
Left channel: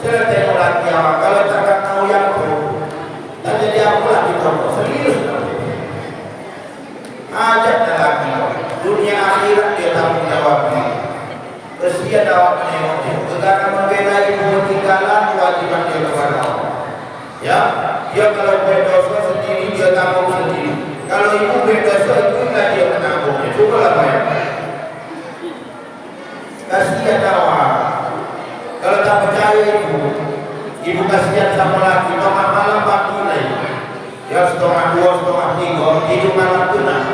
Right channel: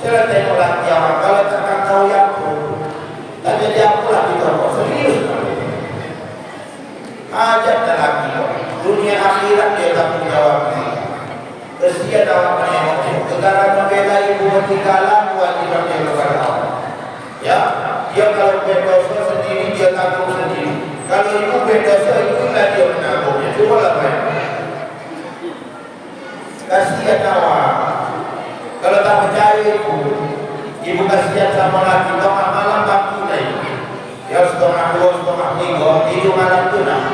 Coba tengok laki orang kalau takkan tahu yang pun. Tak jadi apa lagi tahu. Serius. Ajaknya laki. Dunia akhirat dia tanggung jawab. Kesian awak menengok. Ketika membela ibu tinggalan kewajiban dia kepada Allah. Ya. Dia kalau berdosa sendiri dia tanggung sendiri. Kalau ibu berdosa itu tidak dia menanggungnya. Cubalah bayangkan. Kasihan awak. Kalau tak percaya ibu kasihan sama laki. Tengah malam waktu naik. Ya 1:30, 2:30. Hidup malam tu nak.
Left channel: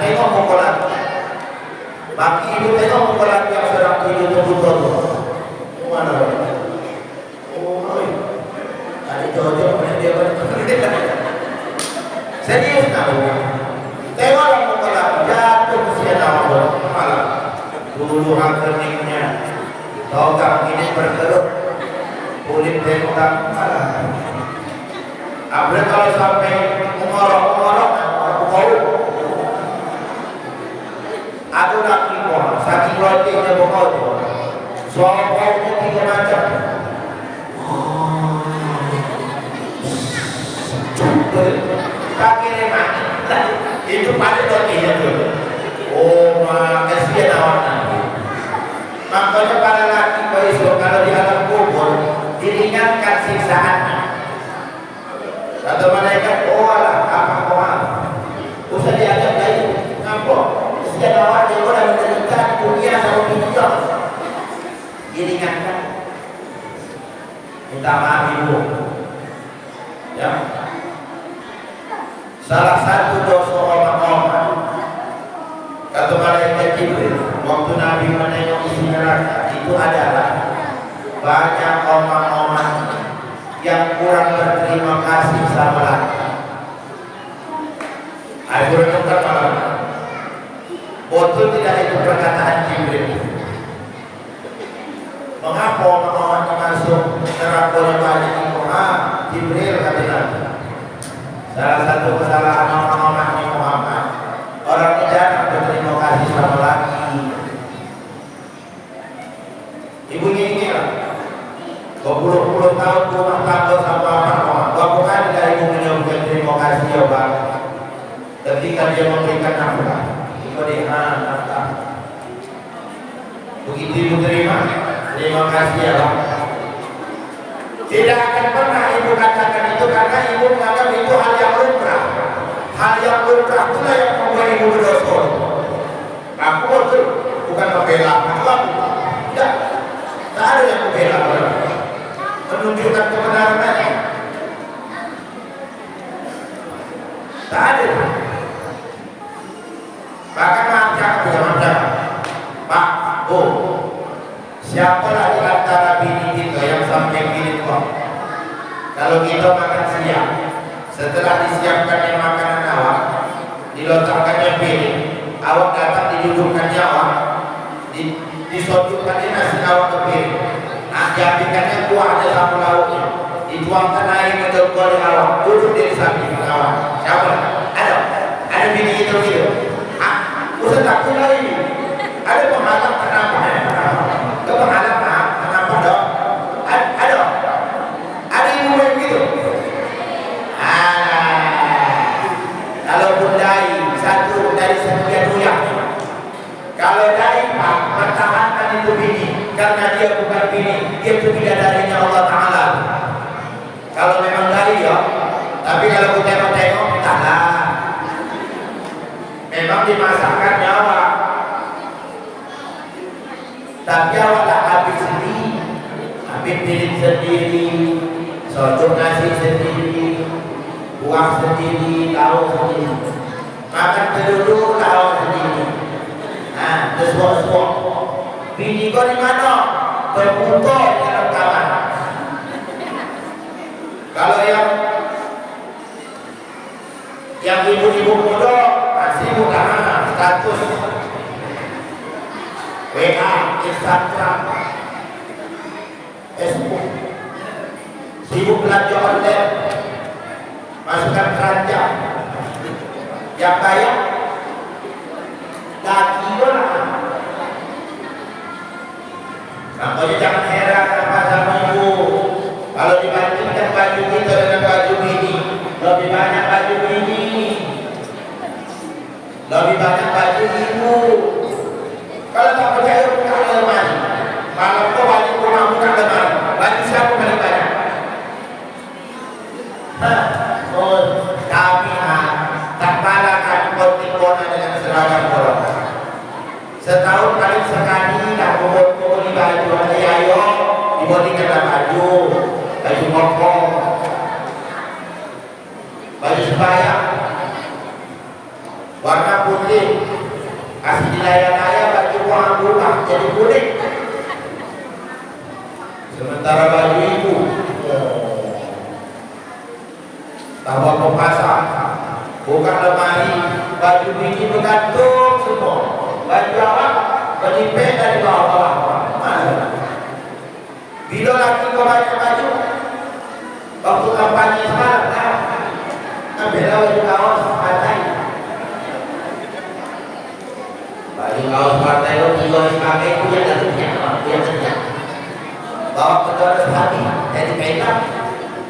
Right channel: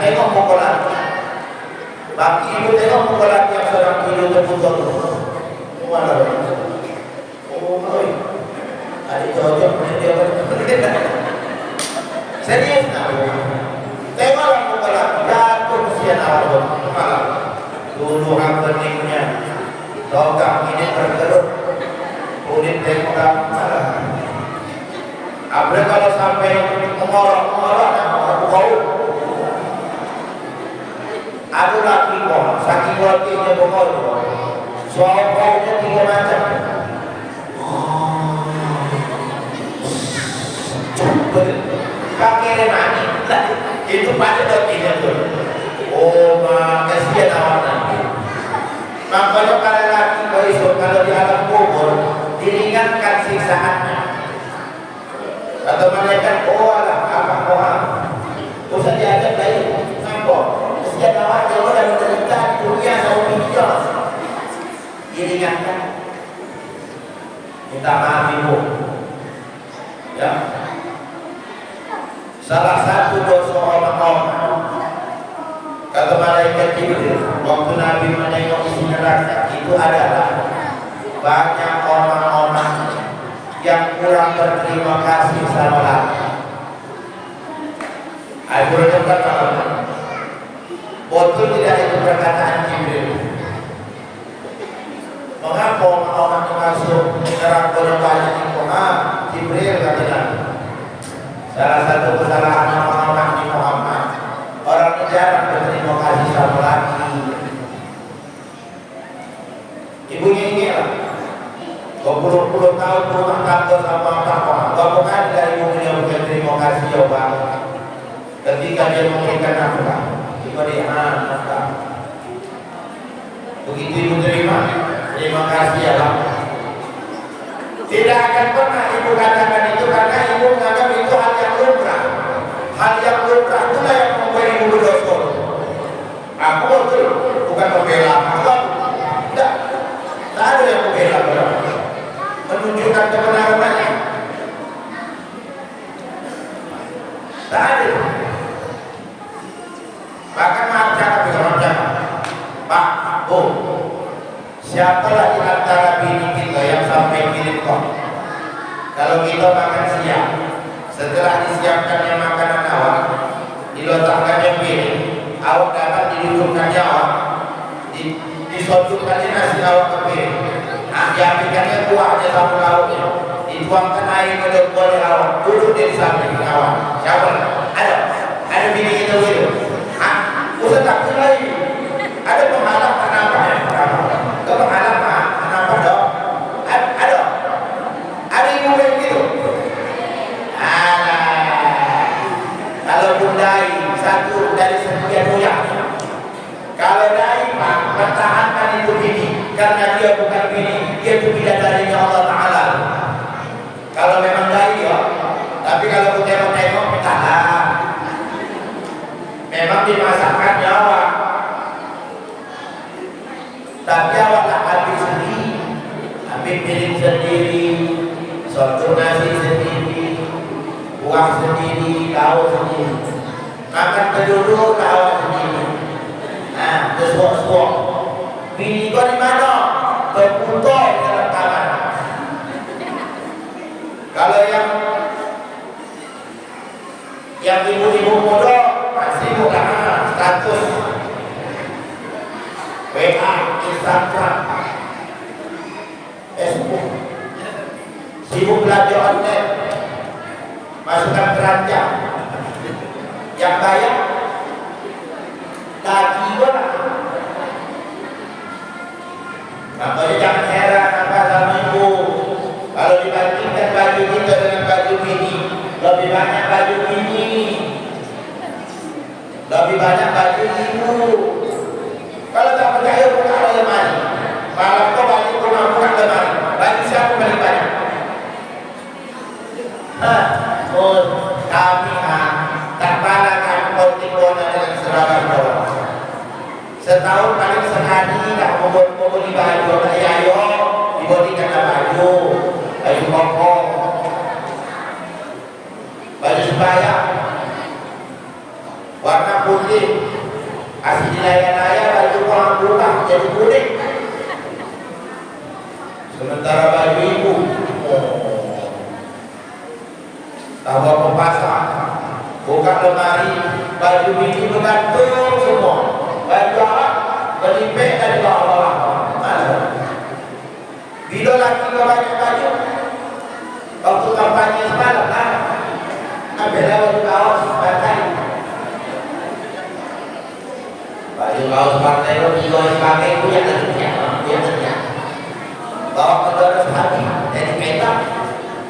Tengok muka laki. Baki ibu tengok muka laki yang sedang hidup terputus tu. Mana? Oh, oi. Ada cocok dengan dia balik. Serius nak? Tengok muka laki. Jatuh kasihan awak. Malam. Dulu hangkeningnya logam ini berkerut, kulit tengok malah. Apalagi kalau sampai mengorok-ngorok bau. Ada laki kok, saking rotinya bau. Soal baunya 3 macam. Pakai remani, itu pada rotinya tuh. Oh, kasihan awaknya. Makanya para laki besok kalau di alam kubur diringankan siksaannya. Kata malaikat, oh alah, apa orang? Usah dianggap lain. Nampak? Kasihan awaknya orang menderita di dunia sama dunia. Diringankan. Minta maaf ibu. Ya. Salah satu dosa orang-orang. Kata malaikat Jibril, waktu Nabi menengok isi neraka itu adalah banyak orang-orang yang kurang berterima kasih sama laki. Aku renungkan malam. Betul tidak itu perkataan Jibril? Mengapa orang-orang yang masuk neraka banyak itu? Jibril kata Nabi. Salah satu kesalahan orang-orang di Muhammad. Orang ini jarang berterima kasih sama laki. berpuluh-puluh tahun rumah tangga sama apa berapa kali dari ibu menyampaikan terima kasih ya Bang ketika dia memberikan nafkah ibu dia nafkah begitu ibu terima kasih ya Bang. Tidak akan pernah ibu katakan itu karena ibu menganggap itu hal yang lumrah. Hal yang lumrah itulah yang membuat ibu berdosa. Aku betul bukan membela Allah. Tidak ada yang membela Allah. Menunjukkan kebenaran aja. Tak ada. Maka maaf cakap bila maaf cakap. Pak, Bu, siapalah di antara bini kita yang sampai gini kok? Kalau kita makan siang, setelah disiapkannya makanan awak, diletakkannya piring, awak datang didudukkannya awak, disodorkannya nasi awak ke piring, diambilkannya kuahnya sama lauknya, dituangkan air ke dalam oleh awak, duduk di samping awak. Siapa? Ada bini kita gitu. Usah takut lagi. Ada penghalang kenapa ya? Itu penghalang kenapa dong? Ada ibu yang gitu. Kalau bundai satu dari sekian banyak. Kalau dai pertahankan itu bini karena dia bukan bini, dia itu bidadarinya Allah Taala. Kalau memang dai ya, tapi kalau kita tengok entahlah. Memang dimasakkan nyawa. Tapi awaklah ambil sendiri, ambil piring sendiri, sodor nasi sendiri, buah sendiri, lauk sendiri, makan keduduk lauk sendiri. Nah, tersuap-suap. Bini kau di mana? Terputar di dalam kamar. Kalau yang ibu-ibu muda masih bukan status WA, Instagram, Facebook, sibuk belanja online, masukkan keranjang, yang bayar lagi orang. Makanya jangan heran apa sama ibu kalau dibandingkan baju kita dengan baju ini, lebih banyak baju ini, lebih banyak baju ibu. Kalau tak percaya buka lemari. Malam kau balik rumah buka lemari. Baju siapa paling banyak? Kami tak balakan konting bona dengan seragam bola. Setahun paling sekali nak bobot-bobot di baju. Ayo, dibodikanlah baju koko, baju sebaya, warna putih. Asli dilaya-laya baju warna buka jadi kuning. Sementara baju ibu tahu apa pasang, buka lemari, baju bini bergantung semua. Baju awak berlipet dari bawah. Bila lagi kau banyak baju, waktu kampanye semalam lah, ambillah baju kaos partai. Baju kaos partai lo dijual sebagai punya kerja. Bawa ke donos hati, jadi kaitan,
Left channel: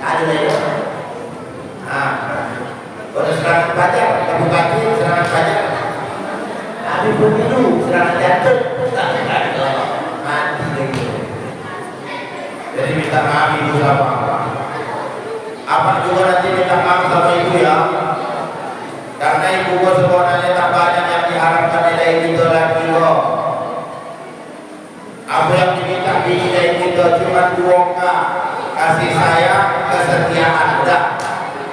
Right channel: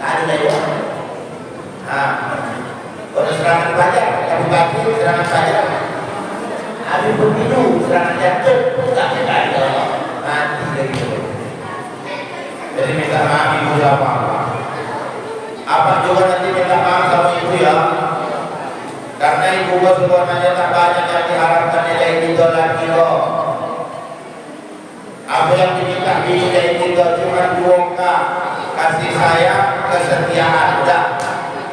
tak ada lagi. Bonus serangan pajak, tapi bagi serangan pajak. Habis pemilu, serangan jantung, tak ada. Mati lagi. Jadi minta maaf ibu sama apa juga nanti minta maaf sama ibu ya. Karena ibu sebenarnya tak banyak yang diharapkan dari kita lagi loh. Apa yang diminta bini dari kita cuma 2K, kasih sayang, kesetiaan, udah.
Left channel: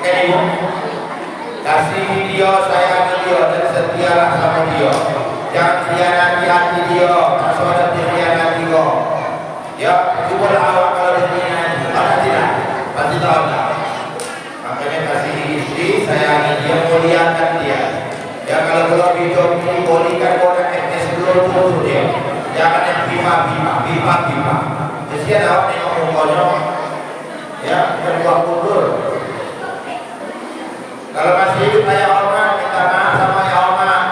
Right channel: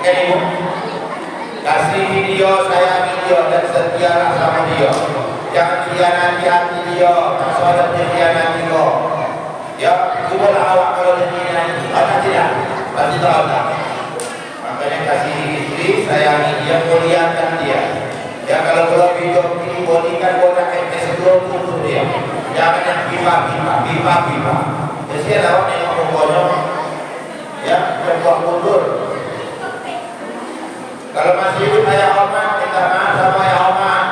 Ibu kasih dia, sayangi dia dan setialah sama dia. Jangan khianati hati dia, saudara dikhianati dia. Ya, cuba awak kalau dikhianati, ada tidak? Pasti tahu tak? Makanya kasih istri, sayangi dia, muliakan dia. Ya kalau belum video ini bodikan orang FS belum tutup dia. Jangan yang bima. Mesti ada orang yang ngomongnya, ya terbuang mundur. Kalau masih hidup ayah hormat, minta maaf sama ayah hormat.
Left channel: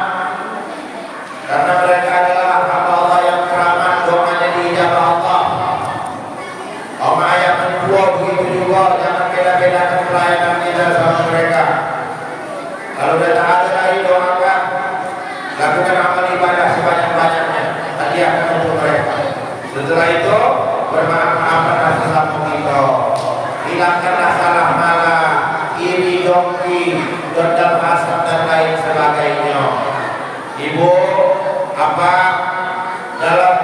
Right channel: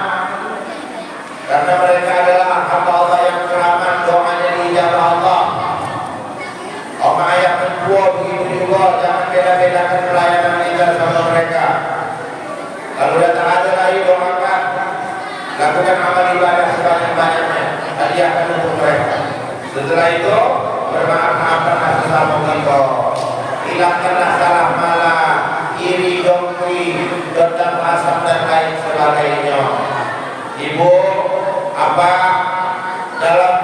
Karena mereka adalah hamba Allah yang keramat, doanya diijabah Allah. Oma ayah tua begitu juga, jangan beda-bedakan pelayanan kita sama mereka. Kalau sudah tak ada lagi doakan, lakukan amal ibadah sebanyak-banyaknya, hadiahkan untuk mereka. Setelah itu bermaaf-maafkanlah sesama kita, hilangkanlah salah malah, iri dongki, dendam hasad dan lain sebagainya. Ibu, apa dalam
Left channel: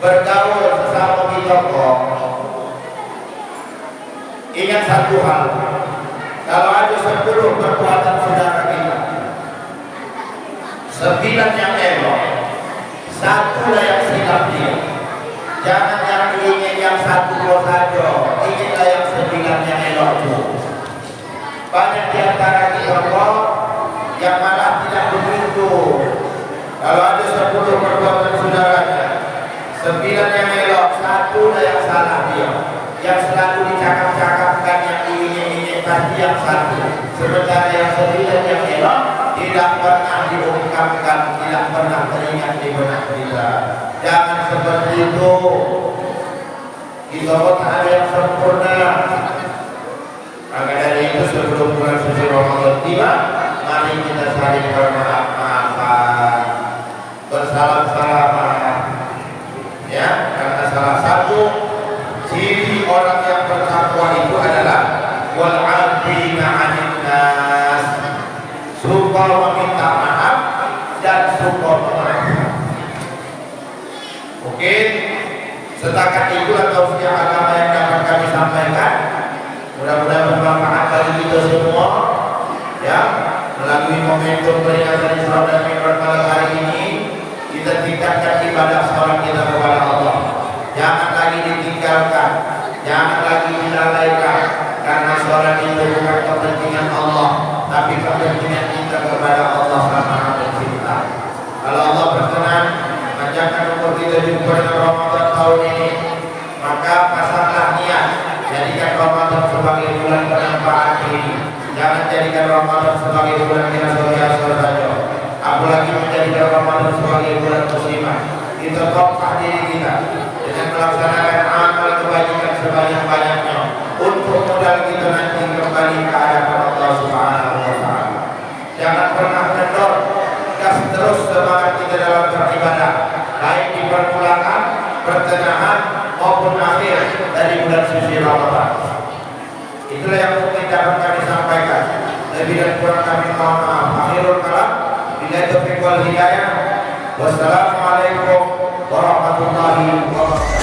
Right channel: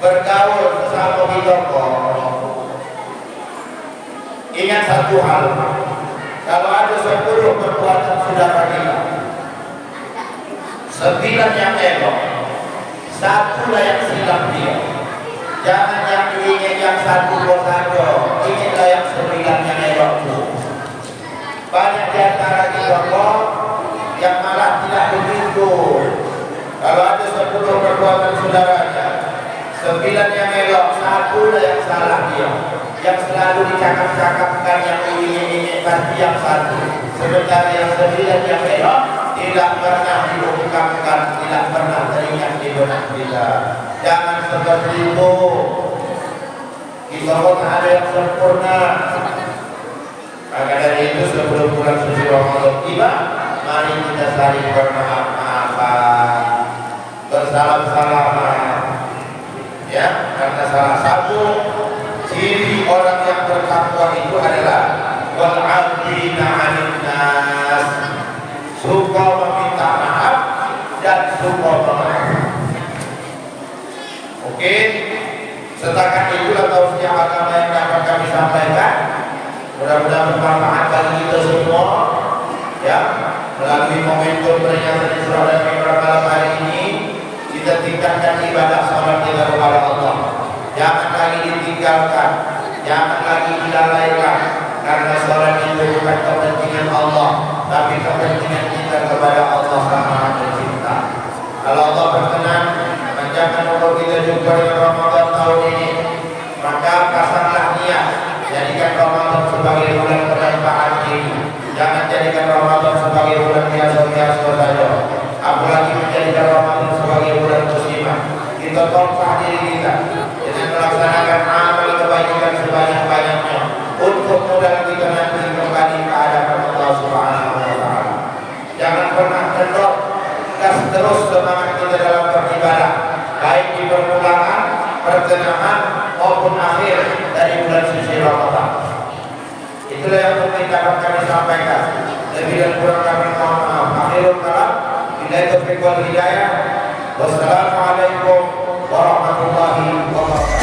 bergaul sesama kita kok ingat satu hal, kalau ada 10 perbuatan saudara kita, 9 yang elok, 1 lah yang silap dia. Jangan yang ingin yang 1 saja, inginlah yang 9 yang elok itu. Banyak di antara kita kok yang malah tidak begitu. Kalau ada 10 perbuatan saudaranya, 9 yang elok, 1 lah yang salah dia. Yang selalu dicakap-cakapkan yang ingin pasti yang 1. Sementara yang 9 yang elok tidak pernah diungkapkan, tidak pernah teringat di benak kita. Jangan seperti itu. Kita pun ada yang sempurna. Maka dari itu sebelum bulan suci Ramadan tiba, mari kita saling bermaaf-maafan, bersalam-salaman, ya, karena salah satu ciri orang yang bertakwa itu adalah wal 'afina 'anil nas, suka meminta maaf dan suka memaafkan. Oke, setakat itulah tausiah agama yang dapat kami sampaikan. Mudah-mudahan bermanfaat bagi kita semua, ya. Melalui momentum peringatan Isra dan Mi'raj malam hari ini, kita tingkatkan ibadah salat kita kepada Allah. Jangan lagi ditinggalkan, jangan lagi dilalaikan, karena salat itu bukan kepentingan Allah, tapi kepentingan kita kepada Allah Sang Pencipta. Kalau Allah berkenan panjangkan umur kita jumpa dengan Ramadan tahun ini, maka pasanglah niat, jadikan Ramadan sebagai bulan penempaan diri. Jangan jadikan Ramadan sebagai bulan biasa-biasa saja, apalagi menjadikan Ramadan sebagai bulan muslimah. Kita tongkah diri kita dengan melaksanakan amal kebaikan sebanyak-banyaknya untuk modal kita nanti kembali ke hadapan Allah Subhanahu wa taala. Jangan pernah kendor, gas terus semangat kita dalam beribadah, baik di permulaan, pertengahan maupun akhir dari bulan suci Ramadan. Itulah yang mungkin dapat kami sampaikan. Lebih dan kurang kami mohon maaf. Akhirul kalam, billahi taufiq wal hidayah. Wassalamualaikum warahmatullahi wabarakatuh.